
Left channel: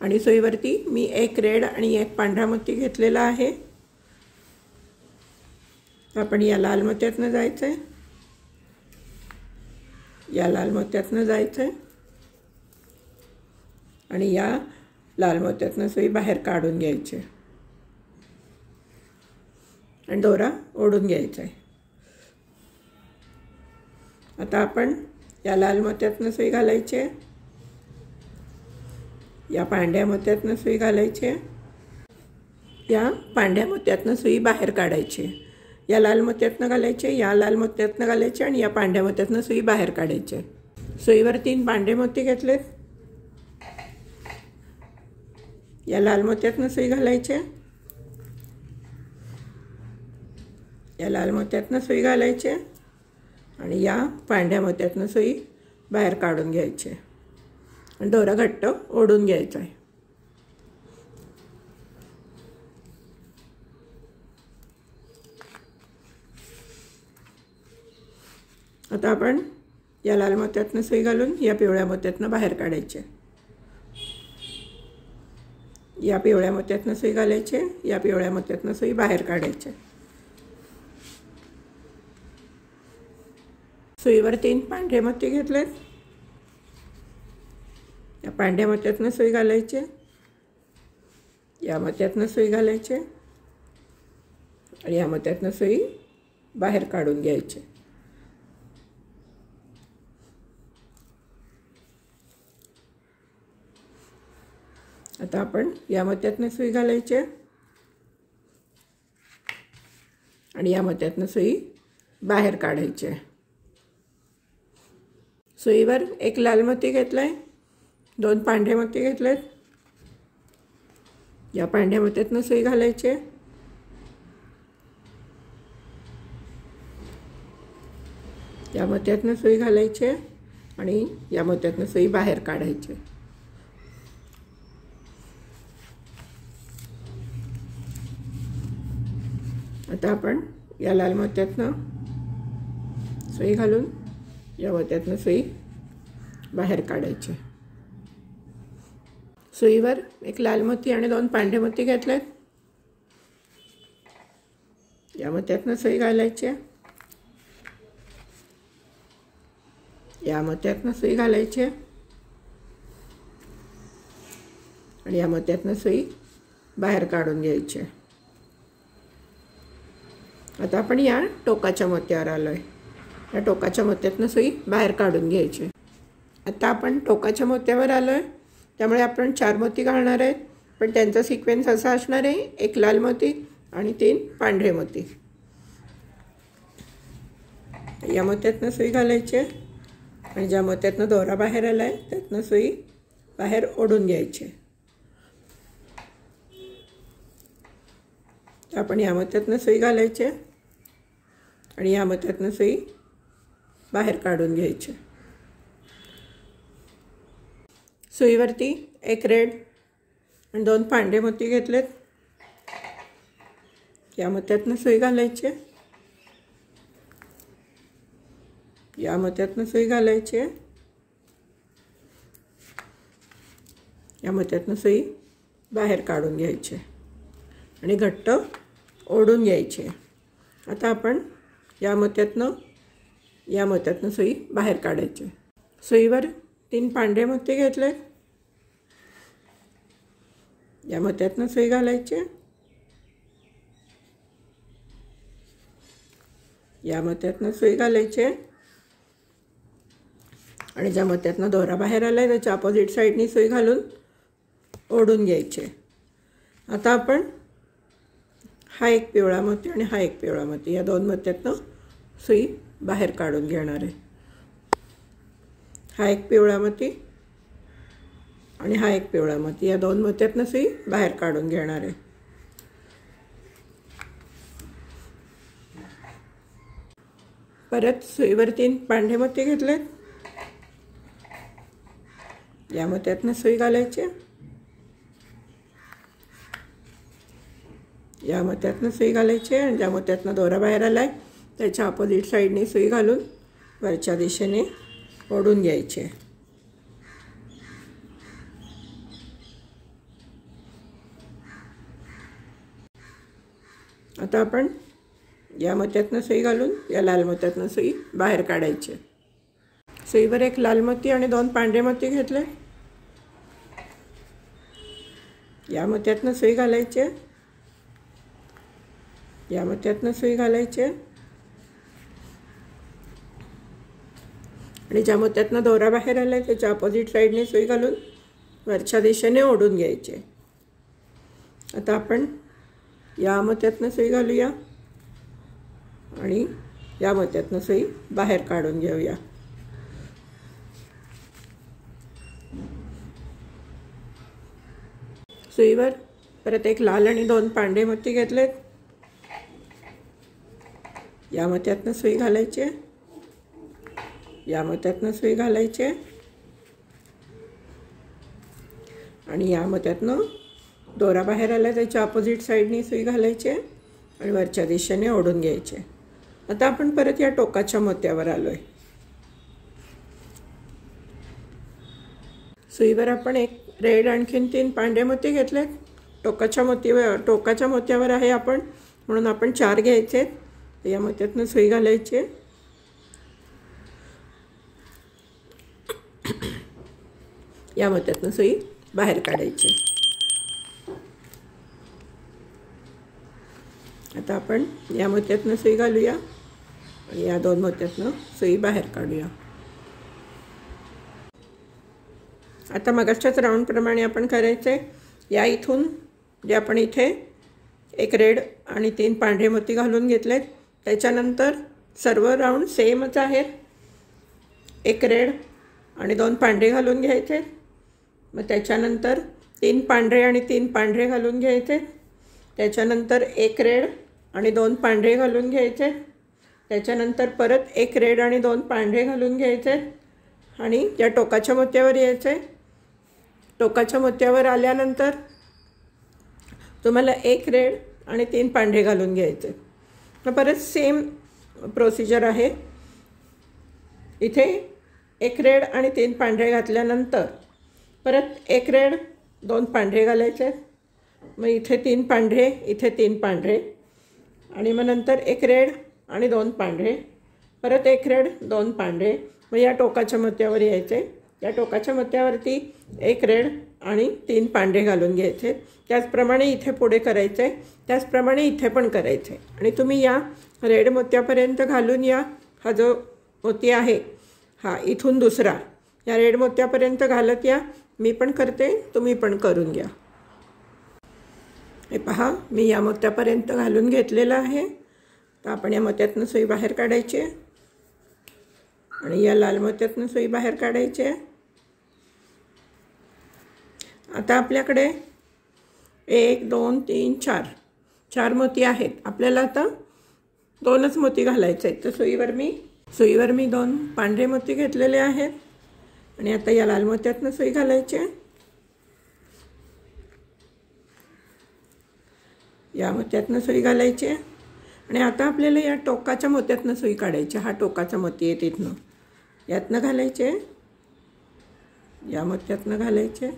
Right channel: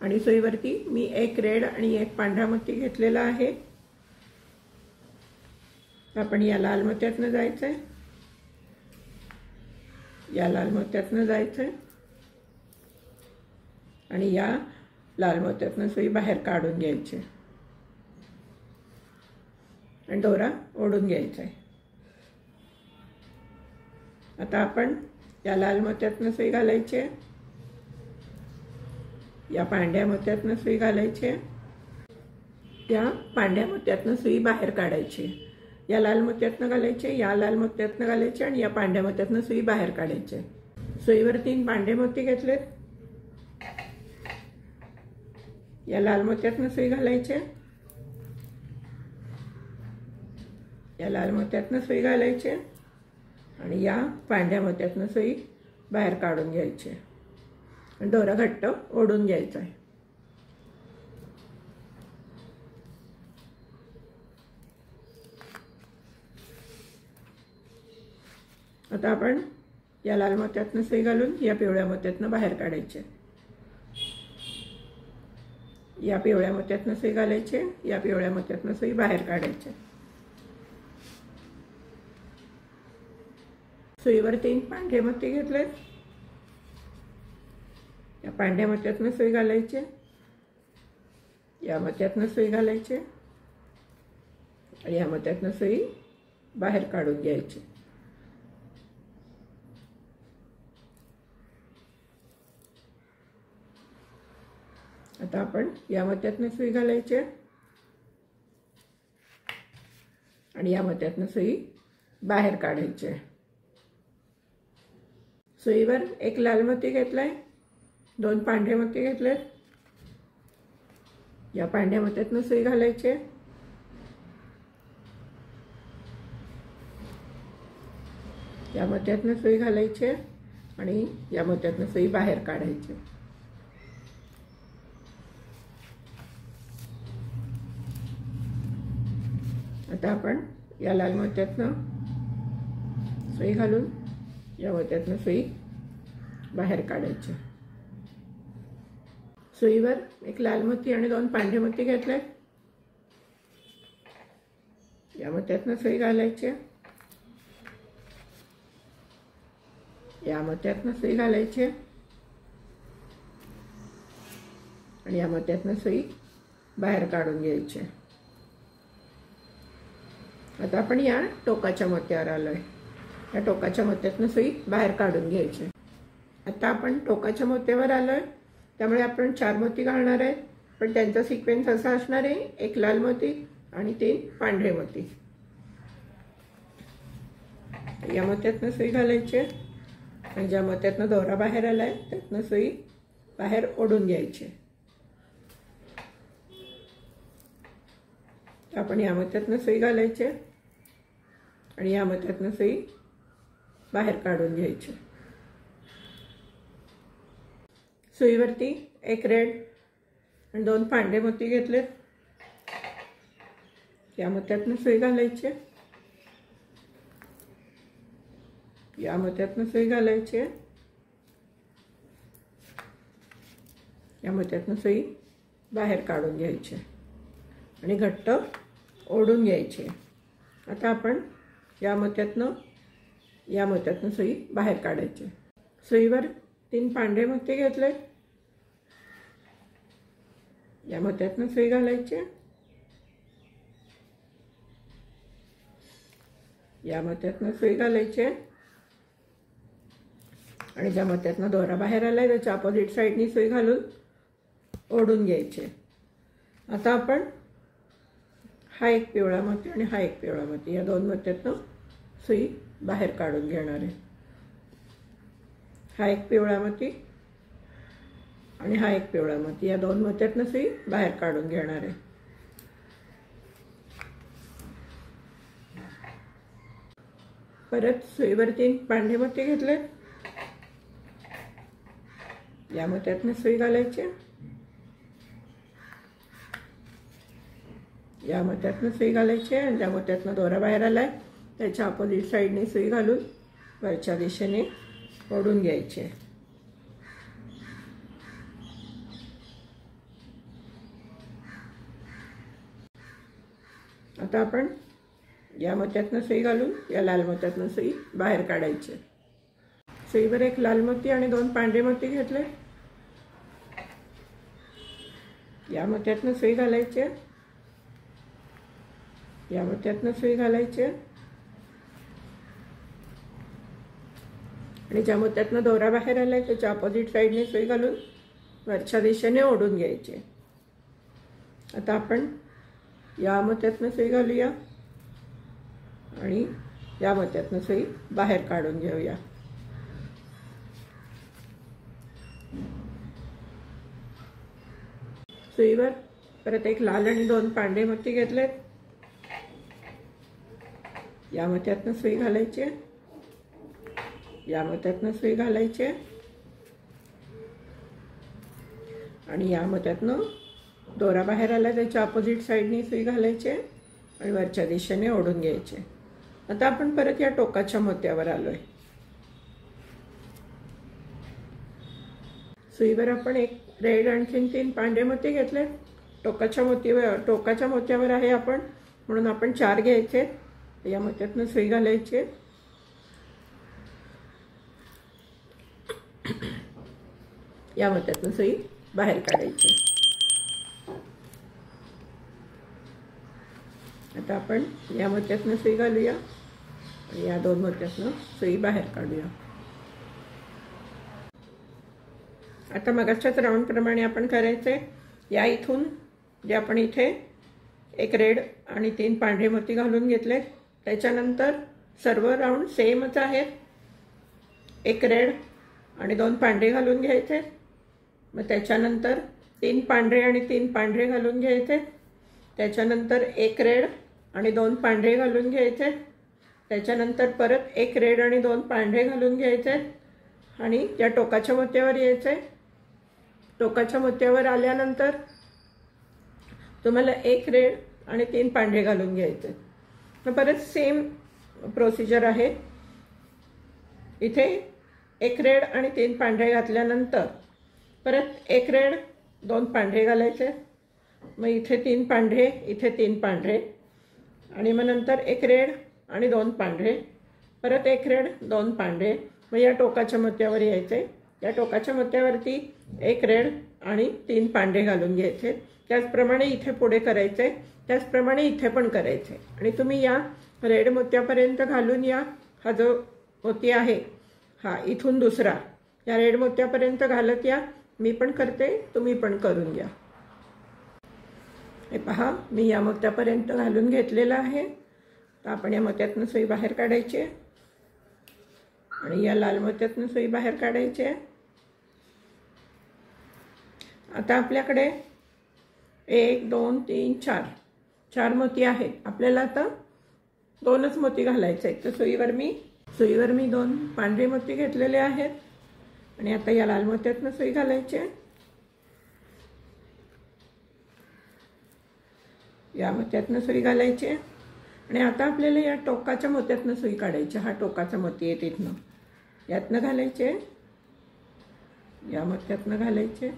आणि सुईवरती मी 1 रेड आणि 1 पांढरा मोती घेतलेला आहे. आपण या लाल मोत्यातनं जायचं आहे, या लाल मोत्यातनं जायचं आहे आणि या लाल मोत्यातनं सुई बाहेर काढून घ्यायची आणि दोरा ओढून घ्यायचा आहे. आता आपण या लाल मोत्यातनं सुई घालायची आहे, या पांढऱ्या मोत्यातनं सुई घालायची आहे, या पांढऱ्या मोत्यातनं सुई बाहेर काढायची. या लाल मोत्यातनं घालायचे, या लाल मोत्यातनं घालायचे आणि या पांढऱ्या मोत्यातनं सुई बाहेर काढायचे. सुईवर 3 पांढरे मोती घेतलेत, या लाल मोत्यातनं सुई घालायचे, या लाल मोत्यातनं सुई घालायचे आणि या पांढऱ्या मोत्यातनं सुई बाहेर काढून घ्यायची आणि दोरा घट्ट ओढून घ्यायचा आहे. आता आपण या लाल मोत्यातनं सुई घालून या पिवळ्या मोत्यातनं बाहेर काढायचे, या पिवळ्या मोत्यातनं सुई घालायचे, या पिवळ्या मोत्यातनं सुई बाहेर काढायचे. सुईवर 3 पांढरे मोती घेतलेत, या पांढऱ्या मोत्यातनं सुई घालायचे, या मोत्यातनं सुई घालायचे आणि या मोत्यातनं सुई बाहेर काढून घ्यायचे. आता आपण या मोत्यातनं सुई घालायचे आणि या मोत्यातनं सुई बाहेर काढायचे. सुईवर 1 लाल मोती घेतलाय, 2 पांढरे मोती घेतलेत, या पांढऱ्या मोत्यातनं सुई घालायचे, या मोत्यातनं सुई घालायचे आणि या मोत्यातनं सुई बाहेर काढायचे. आता आपण या लाल मोत्यातनं सुई घालून या मोत्यातनं सुई बाहेर काढायचे. सुईवर 1 लाल मोती आणि 2 पांढरे मोती घेतलेत, या मोत्यातनं सुई घालायची, या मोत्यातनं सुई घालायची आणि या मोत्यातनं सुई बाहेर काढून घ्यायची. आता आपण या टोकाच्या मोत्यावर आलोय, या टोकाच्या मोत्यातनं सुई बाहेर काढून घ्यायची. आता आपण टोकाच्या मोत्यावर आलोय, त्यामुळे आपण 4 मोती घालणार आहेत, पण त्यांचा सिक्वेन्स असा असणार आहे 1 लाल मोती आणि 3 पांढरे मोती. या मोत्यातनं सुई घालायची आणि ज्या मोत्यातनं दोरा बाहेर आलाय त्यातनं सुई बाहेर ओढून घ्यायची. तर आपण या मोत्यातनं सुई घालायची आणि या मोत्यातनं सुई बाहेर काढून घ्यायची. सुईवरती एक रेड आणि 2 पांढरे मोती घेतलेत. या मोत्यातनं सुई घालायची, या मोत्यातनं सुई घालायची, या मोत्यातनं सुई बाहेर काढून घ्यायची आणि घट्ट ओढून घ्यायची. आता आपण या मोत्यातनं सुई बाहेर काढायची. सुईवर 3 पांढरे मोती घेतले. या मोत्यातनं सुई घालायची, या मोत्यातनं सुई घालायची आणि ज्या मोत्यातनं दोरा बाहेर आलाय त्याच्या अपोजिट साईडनी सुई घालून ओढून घ्यायचे. आता आपण हा एक पिवळा मोती आणि हा एक पिवळा मोती या 2 मोत्यातनं सुई बाहेर काढून घेणार आहे. हा एक पिवळा मोती आणि हा एक पिवळा मोती या 2 मोत्यातनं सुई बाहेर काढून घेणार आहे. परत सुईवर 3 पांढरे मोती घेतले. या मोत्यातनं सुई घालायची, या मोत्यातनं सुई घालायची आणि ज्या मोत्यातनं दोरा बाहेर आलाय त्याच्या अपोजिट साईडने सुई घालून वरच्या दिशेने ओढून घ्यायची. आता आपण या मोत्यातनं सुई घालून या लाल मोत्यातनं सुई बाहेर काढायची. सुईवर एक लाल मोती आणि 2 पांढरे मोती घेतले. या मोत्यातनं सुई घालायची, या मोत्यातनं सुई घालायची आणि ज्या मोत्यातनं दोरा बाहेर आलाय त्याच्या अपोजिट साईडने सुई घालून वरच्या दिशेने ओढून घ्यायचे. आता आपण या मोत्यातनं सुई घालूया आणि या मोत्यातनं सुई बाहेर काढून घेऊया. सुईवर परत एक लाल आणि 2 पांढरे मोती घेतलेत. या मोत्यातनं सुई घालायची, या मोत्यातनं सुई घालायची आणि या मोत्यातनं दोरा बाहेर आला त्याच्या अपोजिट साईडनी सुई घालायची आणि वरच्या दिशेने ओढून घ्यायचे. आता आपण परत या टोकाच्या मोत्यावर आलोय. सुईवर आपण एक रेड आणखीन 3 पांढरे मोती घेतलेत. टोकाच्या मोत्यावर आहे आपण, म्हणून आपण 4 घ्यायचे. या मोत्यातनं सुई घालायची, या मोत्यातनं सुई बाहेर काढायची. आता आपण या मोत्यातनं सुई घालूया आणि या 2 मोत्यातनं सुई बाहेर काढूया. आता मगाच्याच राऊंड प्रमाणे आपण करायचे. या इथून जे आपण इथे एक रेड आणि 3 पांढरे मोती घालून घेतलेत त्याच्यानंतर सर्व राऊंड सेमच आहेत. एक रेड आणि 2 पांढरे घालून घ्यायचे. मग त्याच्यानंतर 3 पांढरे आणि 3 पांढरे घालून घ्यायचे. त्याच्यानंतर एक रेड आणि 2 पांढरे घालून घ्यायचे. त्याच्यानंतर परत एक रेड आणि 2 पांढरे घालून घ्यायचे आणि या टोकाच्या मोत्यावर यायचे. टोकाच्या मोत्यावर आल्यानंतर तुम्हाला एक रेड आणि 3 पांढरे घालून घ्यायचे. मग परत सेम प्रोसिजर आहे. इथे एक रेड आणि 3 पांढरे घातल्यानंतर परत एक रेड 2 पांढरे घालायचे. मग इथे 3 पांढरे, इथे 3 पांढरे आणि मग नंतर एक रेड आणि 2 पांढरे, परत एक रेड 2 पांढरे. मग या टोकाच्या मोत्यावर यायचे. या टोकाच्या मोत्यावरती एक रेड आणि 3 पांढरे घालून घ्यायचे. त्याचप्रमाणे इथे पुढे करायचे, त्याचप्रमाणे इथे पण करायचे आणि तुम्ही या रेड मोत्यापर्यंत घालून या. हा जो मोती आहे हा इथून दुसरा या रेड मोत्यापर्यंत घालत या. मी पण करते, तुम्ही पण करून घ्या. हे पहा, मी या मोत्यापर्यंत घालून घेतलेलं आहे. तर आपण या मोत्यातनं सुई बाहेर काढायची आणि या लाल मोत्यातनं सुई बाहेर काढायची. आता आपल्याकडे 1 2 3 4 4 मोती आहेत. आपल्याला आता 2च मोती घालायचे आहेत. तर सुईवर मी 2 पांढरे मोती घेतलेले आहेत आणि आता या लाल मोत्यातनं सुई घालायची आहे. या मोत्यातनं सुई घालायची आहे आणि आता आपल्याला या टोकाच्या मोत्यातनं सुई काढायची. हा टोकाचा मोती आहे तिथनं यातनं घालायचे, या मोत्यातनं घालायचे,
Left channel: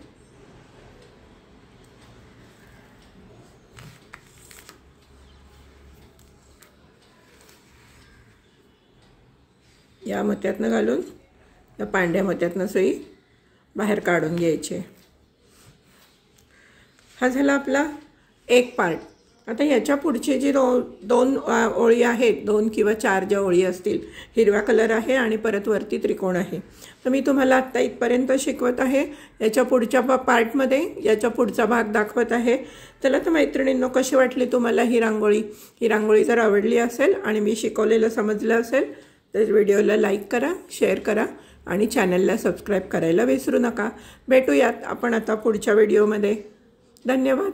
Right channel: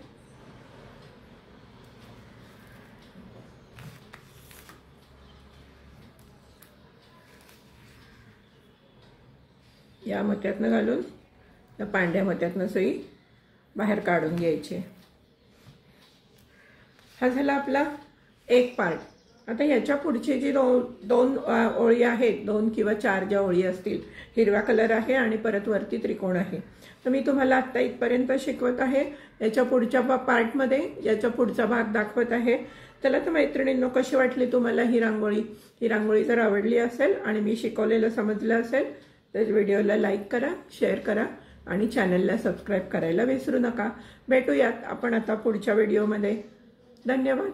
या मोत्यातनं घालून या पांढऱ्या मोत्यातनं सुई बाहेर काढून घ्यायची. हा झाला आपला एक पार्ट. आता याच्या पुढची जी 2 ओळी आहेत, 2 किंवा 4 ज्या ओळी असतील, हिरवा कलर आहे आणि परत वरती त्रिकोण आहे. तर मी तुम्हाला आत्ता इथपर्यंत शिकवत आहे. याच्या पुढच्या पार्टमध्ये याचा पुढचा भाग दाखवत आहे. चला तर मैत्रिणींनो, कशी वाटली तुम्हाला ही रांगोळी? ही रांगोळी जर आवडली असेल आणि मी शिकवलेलं समजलं असेल तर व्हिडिओला लाईक करा, शेअर करा आणि चॅनलला सबस्क्राईब करायला विसरू नका. भेटूयात आपण आता पुढच्या व्हिडिओमध्ये. धन्यवाद.